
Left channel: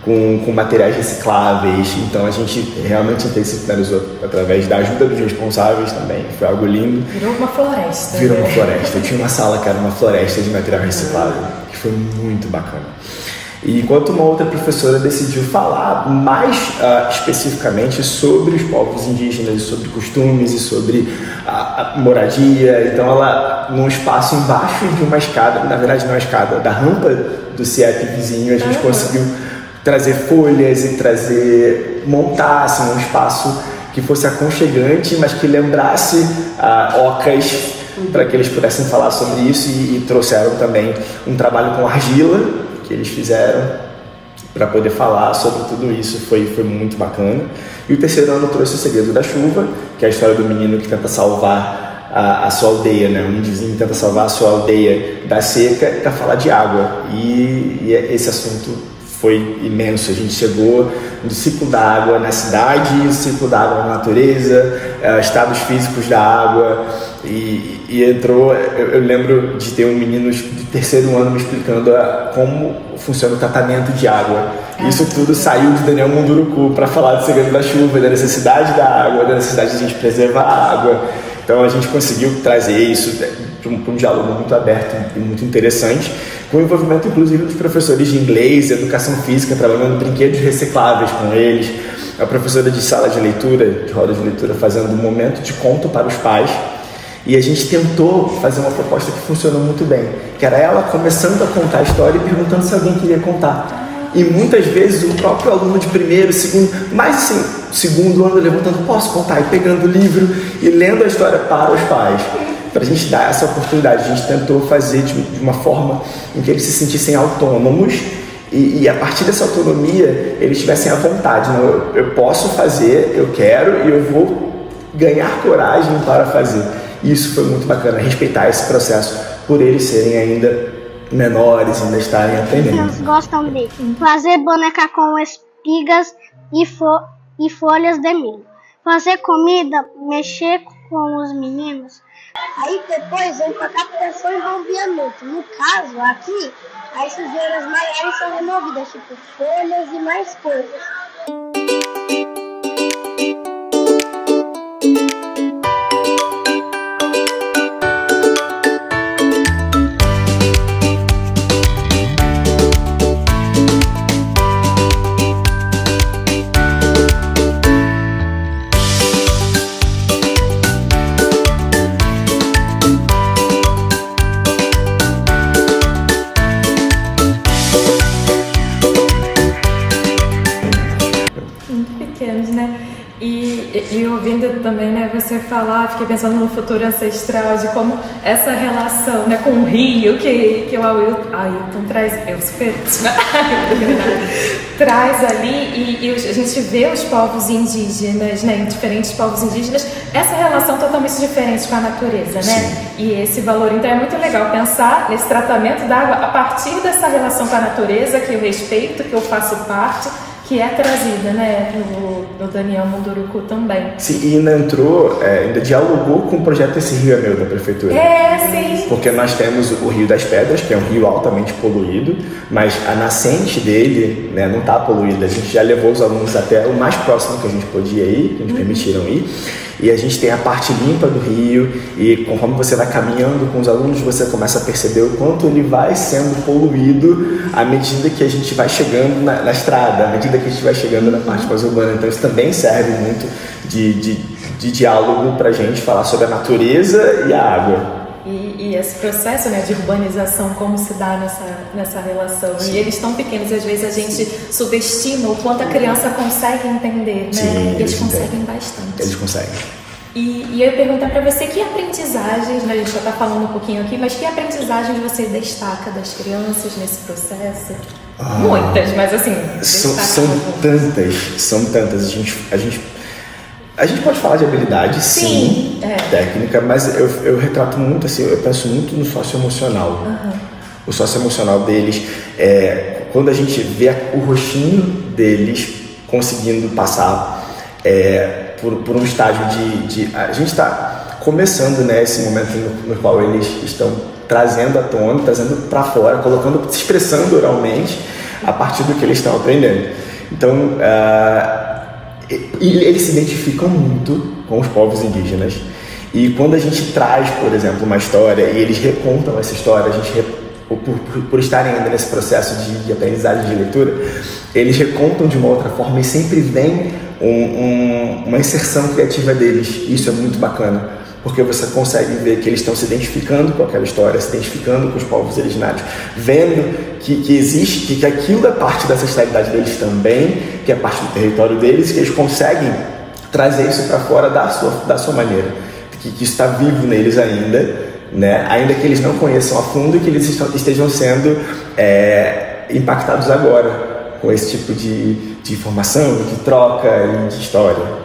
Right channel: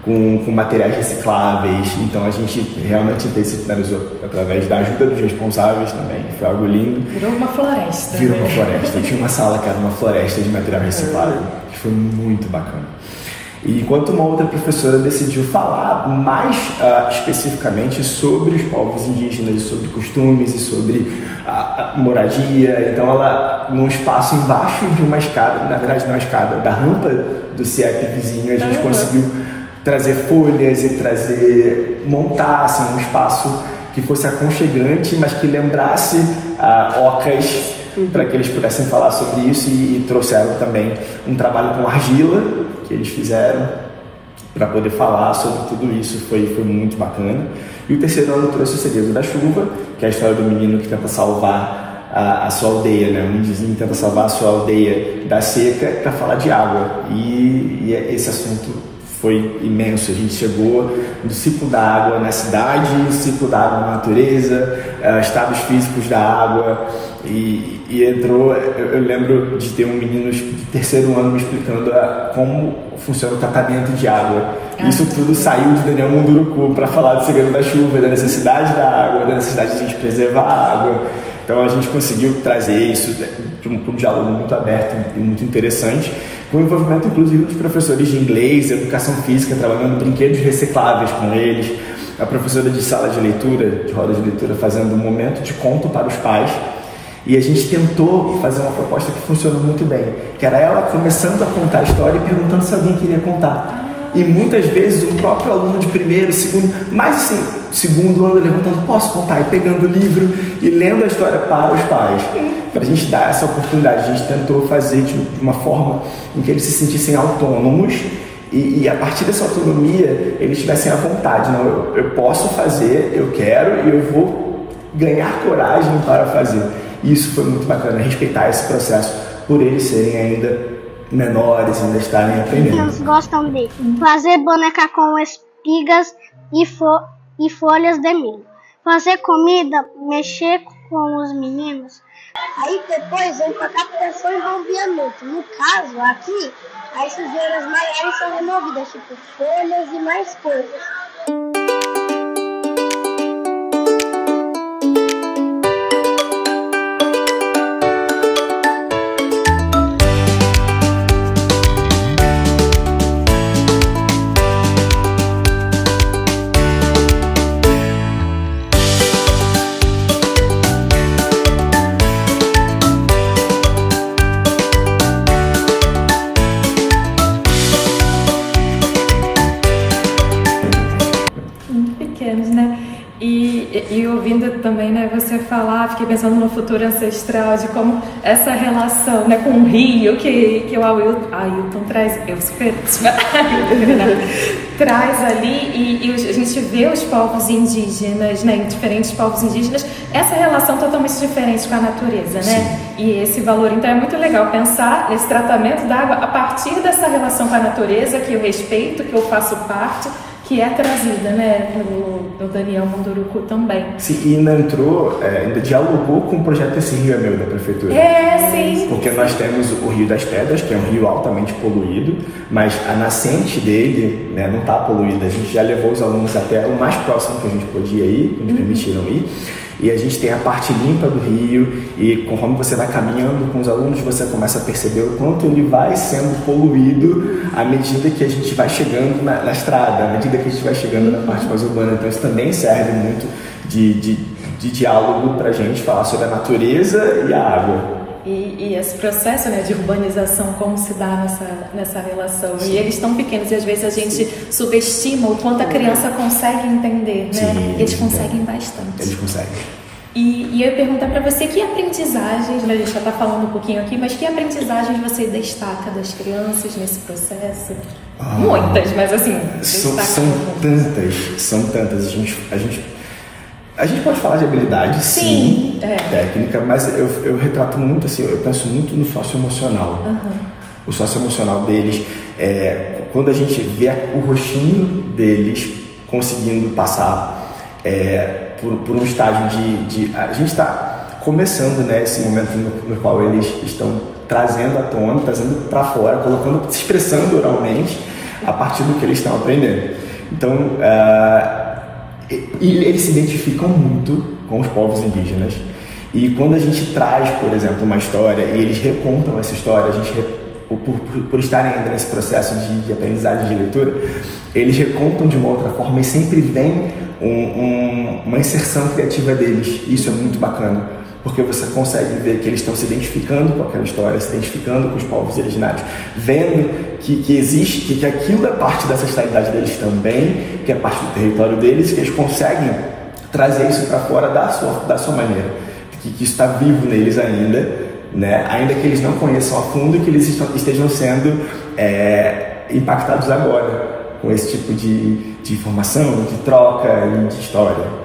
com materiais recicláveis. Então a gente realmente interdisciplinarizou através da ajuda dos responsáveis também, foi algo lindo. Virou uma floresta. Virou uma floresta. Eu tinha uma sala que era uma floresta de material reciclável, que foi muito bacana. E enquanto uma outra professora decidiu falar mais especificamente sobre os povos indígenas, e sobre costumes, e sobre a moradia. Então ela, num espaço embaixo de uma escada, na verdade não é uma escada, da rampa do CIEP vizinho, a gente conseguiu trazer folhas e montar assim, um espaço que fosse aconchegante, mas que lembrasse ocas, para que eles pudessem falar sobre isso, e trouxeram também um trabalho com argila que eles fizeram para poder falar sobre tudo isso. Foi muito bacana. E o terceiro ano trouxe O Segredo da Chuva, que é a história do menino que tenta salvar a sua aldeia, né? Um indígena tenta salvar a sua aldeia da seca para falar de água, e esse assunto foi imenso. A gente chegou no ciclo da água na cidade, o ciclo da água na natureza, estados físicos da água, e entrou. Eu lembro de ter um menino de terceiro ano me explicando como funciona o tratamento de água. Isso tudo saiu de Daniel Munduruku para falar do Segredo da Chuva, da necessidade da água, da necessidade de a gente preservar a água. Então a gente conseguiu trazer isso para um diálogo muito aberto e muito interessante, com o envolvimento inclusive dos professores de inglês, educação física, trabalhando brinquedos recicláveis com eles, a professora de sala de leitura, de roda de leitura, fazendo um momento de conto para os pais. E a gente tentou fazer uma proposta que funcionou muito bem, que era ela começando a contar a história e perguntando se alguém queria contar. E muitas vezes o próprio aluno de primeiro, segundo, mais assim, segundo ano levantando, posso contar? E pegando o livro e lendo a história para os pais. Para a gente dar essa oportunidade, a gente tentou fazer de uma forma em que eles se sentissem autônomos, e a partir dessa autonomia eles tivessem a vontade. Não, eu posso fazer, eu quero, e eu vou ganhar coragem para fazer. E isso foi muito bacana, respeitar esse processo por eles serem ainda menores, ainda estarem aprendendo. Eles gostam de fazer boneca com espigas e folhas de milho, fazer comida, mexer com os meninos. Aí depois vem para a captação e envolvimento. No caso aqui, As sujeiras maiores são removidas, tipo folhas e mais coisas. E ouvindo também, né, você falar, fiquei pensando no futuro ancestral, de como essa relação, né, com o rio que o Ailton traz, traz ali, e a gente vê os povos indígenas, né, diferentes povos indígenas, essa relação totalmente diferente com a natureza, né? Sim. E esse valor, então é muito legal pensar nesse tratamento da água a partir dessa relação com a natureza, que eu respeito, que eu faço parte, que é trazida, né, no Daniel Munduruku também. Sim, e ainda entrou, ainda dialogou com o projeto Esse Rio é Meu, da Prefeitura. Sim. Porque nós temos o Rio das Pedras, que é um rio altamente poluído, mas a nascente dele, né, não está poluída. A gente já levou os alunos até o mais próximo que a gente podia ir, que nos permitiram ir. E a gente tem a parte limpa do rio, e conforme você vai caminhando com os alunos, você começa a perceber o quanto ele vai sendo poluído à medida que a gente vai chegando na estrada, à medida que a gente vai chegando na parte mais urbana. Então isso também serve muito de diálogo para a gente falar sobre a natureza e a água. E esse processo, né, de urbanização, como se dá nessa relação. Sim. E eles tão pequenos, e às vezes a gente subestima o quanto a criança consegue entender, né? Sim, e eles conseguem bastante. Eles conseguem. E eu ia perguntar para você, que aprendizagens, né, a gente já está falando um pouquinho aqui, mas que aprendizagens você destaca das crianças nesse processo? Muitas, mas assim, são tantas. A gente pode falar de habilidade, sim, técnica, mas eu retrato muito, assim, eu penso muito no socioemocional. O socioemocional deles, quando a gente vê o rostinho deles conseguindo passar por um estágio a gente está começando, né, esse momento no qual eles estão trazendo à tona, trazendo para fora, se expressando oralmente a partir do que eles estão aprendendo. Então, e eles se identificam muito com os povos indígenas, e quando a gente traz, por exemplo, uma história e eles recontam essa história, a gente, por estarem ainda nesse processo de aprendizagem de leitura, eles recontam de uma outra forma e sempre vem uma inserção criativa deles. Isso é muito bacana, porque você consegue ver que eles estão se identificando com aquela história, se identificando com os povos originários, vendo que existe, que aquilo é parte da ancestralidade deles também, que é parte do território deles, que eles conseguem trazer isso para fora da sua maneira, que está vivo neles ainda, né? Ainda que eles não conheçam a fundo e que eles estejam sendo impactados agora com esse tipo de informação, de troca e de história.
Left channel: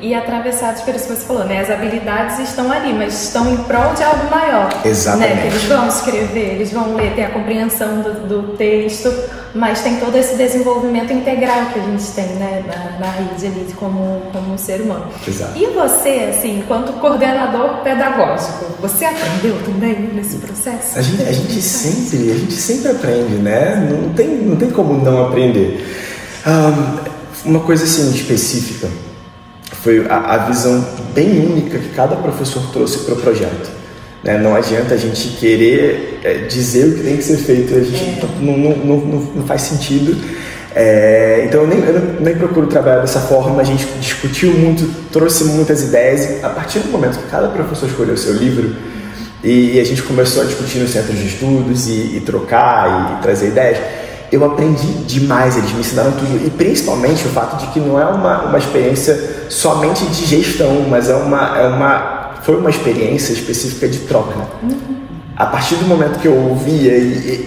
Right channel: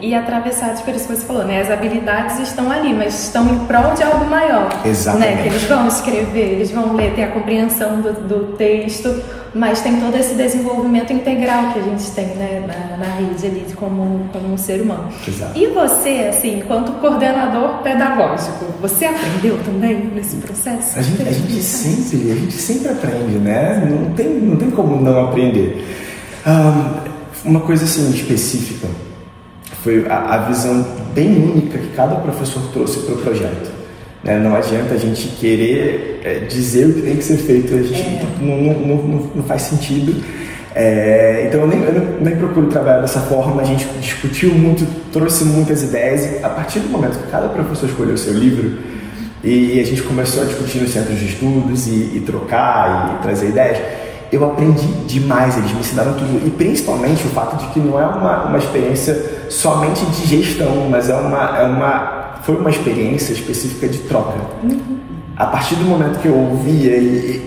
E atravessados por isso que você falou, né? As habilidades estão ali, mas estão em prol de algo maior. Exatamente. Né? Que eles vão escrever, eles vão ler, tem a compreensão do texto, mas tem todo esse desenvolvimento integral que a gente tem, né, na rede ali, como um ser humano. Exato. E você, assim, enquanto coordenador pedagógico, você aprendeu também nesse processo? A gente sempre aprende, né? Não tem como não aprender. Uma coisa assim específica foi a visão bem única que cada professor trouxe para o projeto. Né? Não adianta a gente querer dizer o que tem que ser feito, a gente não faz sentido. Então eu nem procuro trabalhar dessa forma. A gente discutiu muito, trouxe muitas ideias, e a partir do momento que cada professor escolheu o seu livro e a gente começou a discutir nos centros de estudos e trocar e trazer ideias, eu aprendi demais. Eles me ensinaram tudo, e principalmente o fato de que não é uma experiência somente de gestão, mas foi uma experiência específica de troca. A partir do momento que eu ouvia,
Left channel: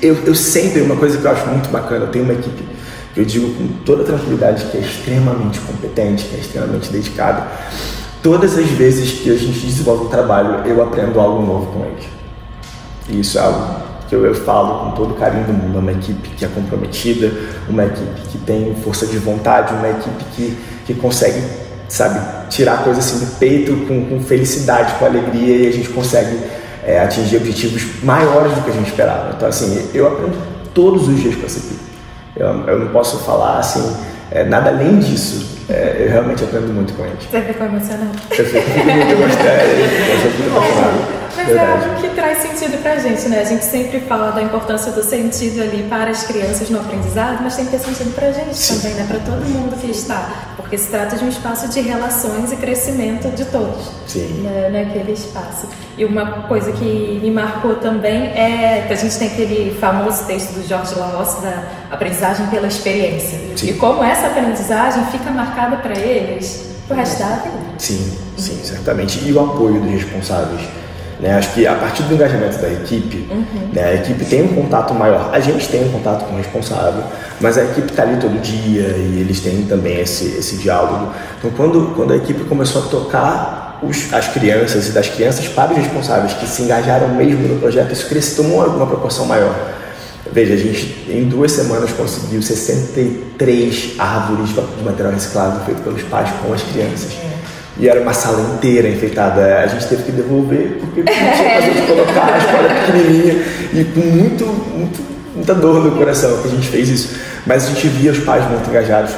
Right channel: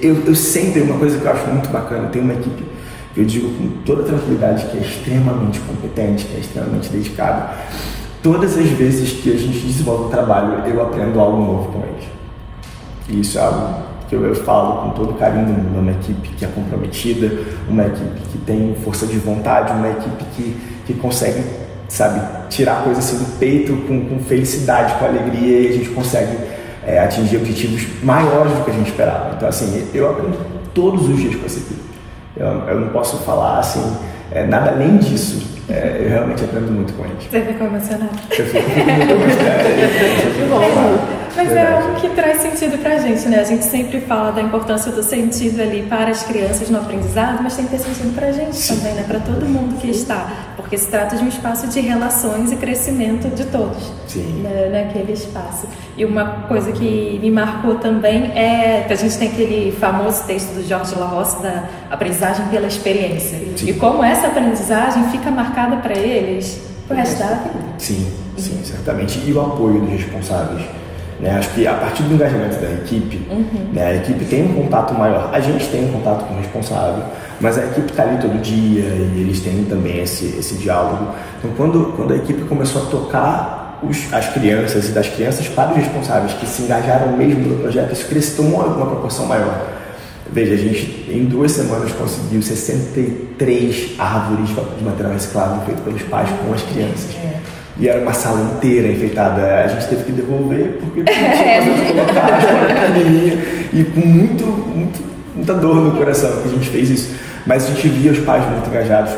eu sempre, uma coisa que eu acho muito bacana, eu tenho uma equipe que eu digo com toda tranquilidade que é extremamente competente, que é extremamente dedicada. Todas as vezes que a gente desenvolve um trabalho, eu aprendo algo novo com eles. E isso é algo que eu falo com todo carinho do mundo. É uma equipe que é comprometida, uma equipe que tem força de vontade, uma equipe que consegue, sabe, tirar coisa assim do peito com felicidade, com alegria, e a gente consegue atingir objetivos maiores do que a gente esperava. Então, assim, eu aprendo todos os dias com essa equipe. Eu não posso falar, assim, nada além disso. Eu realmente aprendo muito com eles. Você ficou emocionado? Eu fico muito emocionado. Mas é algo que traz sentido pra gente, né? A gente sempre fala da importância do sentido ali para as crianças no aprendizado, mas tem que ter sentido pra gente também, né? Pra todo mundo que está. Porque se trata de um espaço de relações e crescimento de todos. Sim. Naquele espaço. E uma coisa que me marcou também é que a gente tem aquele famoso texto do Jorge La Roça da aprendizagem pela experiência. Sim. E como essa aprendizagem fica marcada para eles pro resto da vida. Sim, certamente. E o apoio dos responsáveis. Né? Acho que a partir do engajamento da equipe, né, a equipe tem um contato maior. A gente tem um contato com o responsável, mas a equipe está ali todo dia e eles têm também esse diálogo. Então, quando a equipe começou a tocar as crianças e das crianças para os responsáveis que se engajaram mesmo no projeto, isso tomou uma proporção maior. Veja, a gente em 2 semanas conseguiu 63 árvores de material reciclado feito pelos pais com as crianças. E era uma sala inteira enfeitada. A gente teve que devolver porque não tinha como colocar a escola pequenininha e com muita dor no coração que a gente fez isso. Mas a gente via os pais muito engajados.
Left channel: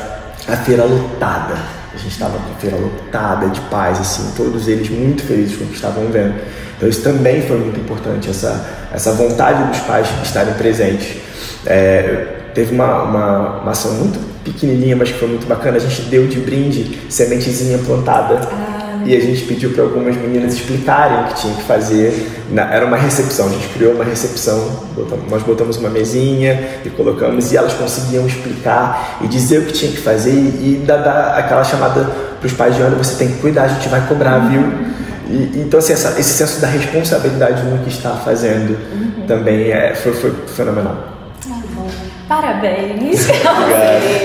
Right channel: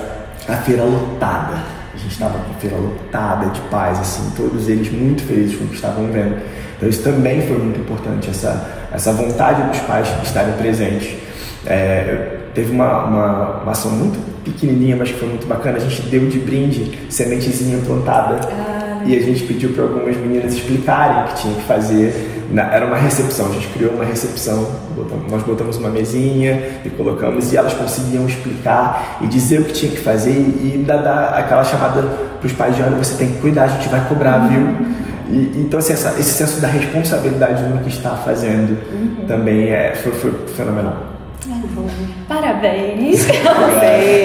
A feira lotada. A gente estava com a feira lotada de pais, assim, todos eles muito felizes com o que estavam vendo. Então isso também foi muito importante, essa vontade dos pais estarem presentes. Teve uma ação muito pequenininha, mas que foi muito bacana. A gente deu de brinde sementezinha plantada e a gente pediu para algumas meninas explicarem o que tinha que fazer. Era uma recepção, a gente criou uma recepção, nós botamos uma mesinha e colocamos, e elas conseguiam explicar e dizer o que tinha que fazer e dar aquela chamada para os pais de: olha, você tem que cuidar, a gente vai cobrar, viu? Então, assim, esse senso da responsabilidade no que está fazendo também foi fenomenal. Parabéns ao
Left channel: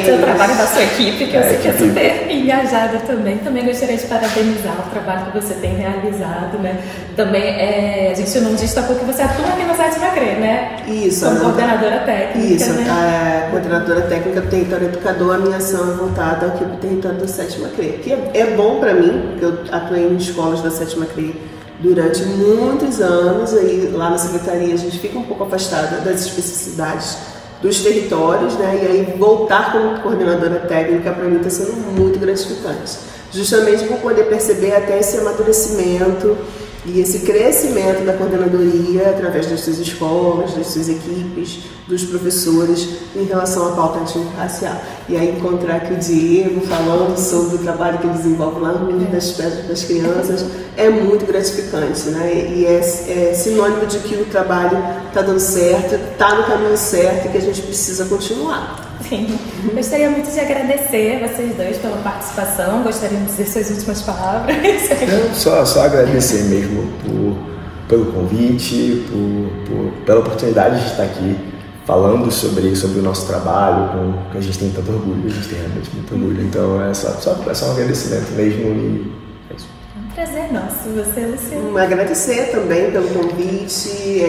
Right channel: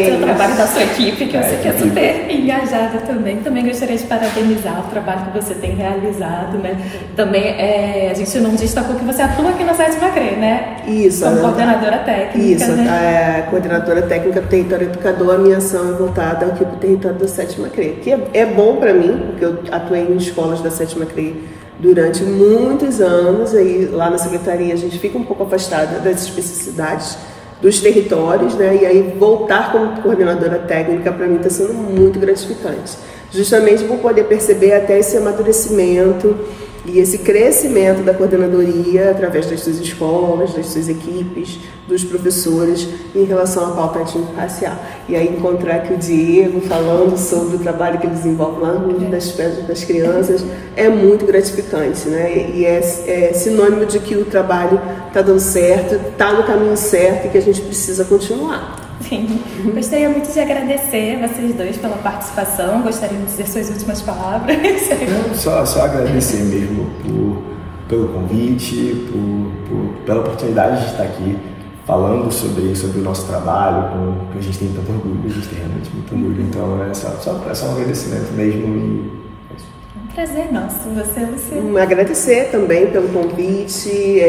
seu trabalho, da sua equipe, que eu sei que é super engajada também. Também gostaria de parabenizar o trabalho que você tem realizado, né? Também a gente não destacou que você atua aqui na 7ª CRE, né? Isso. Como coordenadora técnica, isso, né? A coordenadora técnica do Território Educador, a minha ação é voltada ao território da 7ª CRE, que é bom para mim, porque eu atuei em escolas da 7ª CRE durante muitos anos, e lá na secretaria a gente fica um pouco afastada das especificidades dos territórios, né? E aí voltar como coordenadora técnica para mim está sendo muito gratificante, justamente por poder perceber até esse amadurecimento e esse crescimento da coordenadoria através das suas escolas, das suas equipes, dos professores em relação à pauta étnico-racial. E aí encontrar aqui o Diego falando sobre o trabalho que ele desenvolve lá no mundo das pedras das crianças é muito gratificante, né? E é sinônimo de que o trabalho está dando certo, está no caminho certo e que a gente precisa continuar. Sim. Gostaria muito de agradecer vocês dois pela participação. Gostaria de dizer suas últimas palavras. Só agradecer mesmo pelo convite, pela oportunidade de estar aqui falando sobre o nosso trabalho, que a gente tem tanto orgulho, a gente tem realmente muito orgulho. Então é só um agradecimento mesmo. Um prazer nosso, você, Luciano. Agradecer também pelo convite.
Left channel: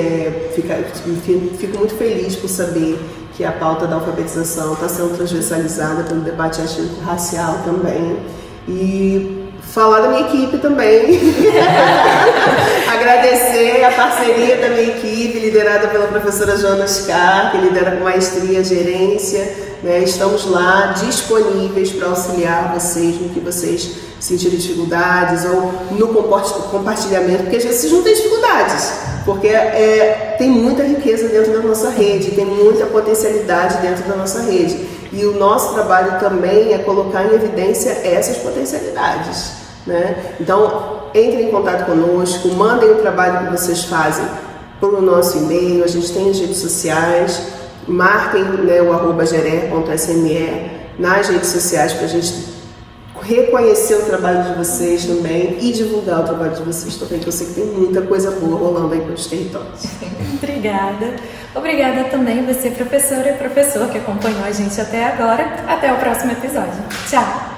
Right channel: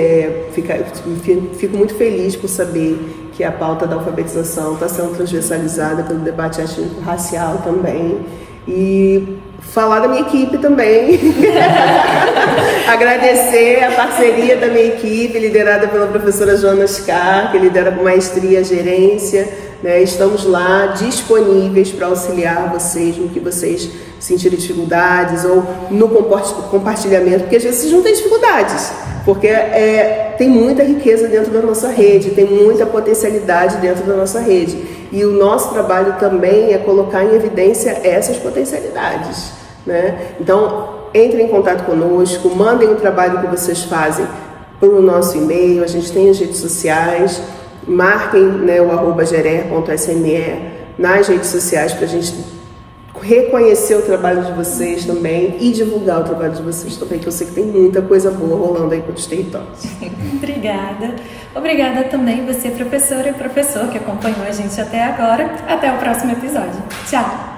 Fico muito feliz por saber que a pauta da alfabetização está sendo transversalizada pelo debate étnico-racial também. E falar da minha equipe também. Agradecer a parceria da minha equipe, liderada pela professora Joana Scar, que lidera com maestria a gerência. Né? Estamos lá disponíveis para auxiliar vocês no que vocês sentirem dificuldades ou no compartilhamento, porque às vezes vocês não têm dificuldades, porque tem muita riqueza dentro da nossa rede, tem muita potencialidade dentro da nossa rede. E o nosso trabalho também é colocar em evidência essas potencialidades. Né? Então, entrem em contato conosco, mandem o trabalho que vocês fazem para o nosso e-mail, a gente tem as redes sociais, marquem, né, o @gerer.sme nas redes sociais para a gente reconhecer o trabalho de vocês também e divulgar o trabalho de vocês também, que eu sei que tem muita coisa boa rolando aí pelos territórios. Obrigada. Obrigada também você, professora e professor, que acompanhou a gente até agora. Até o próximo episódio. Tchau!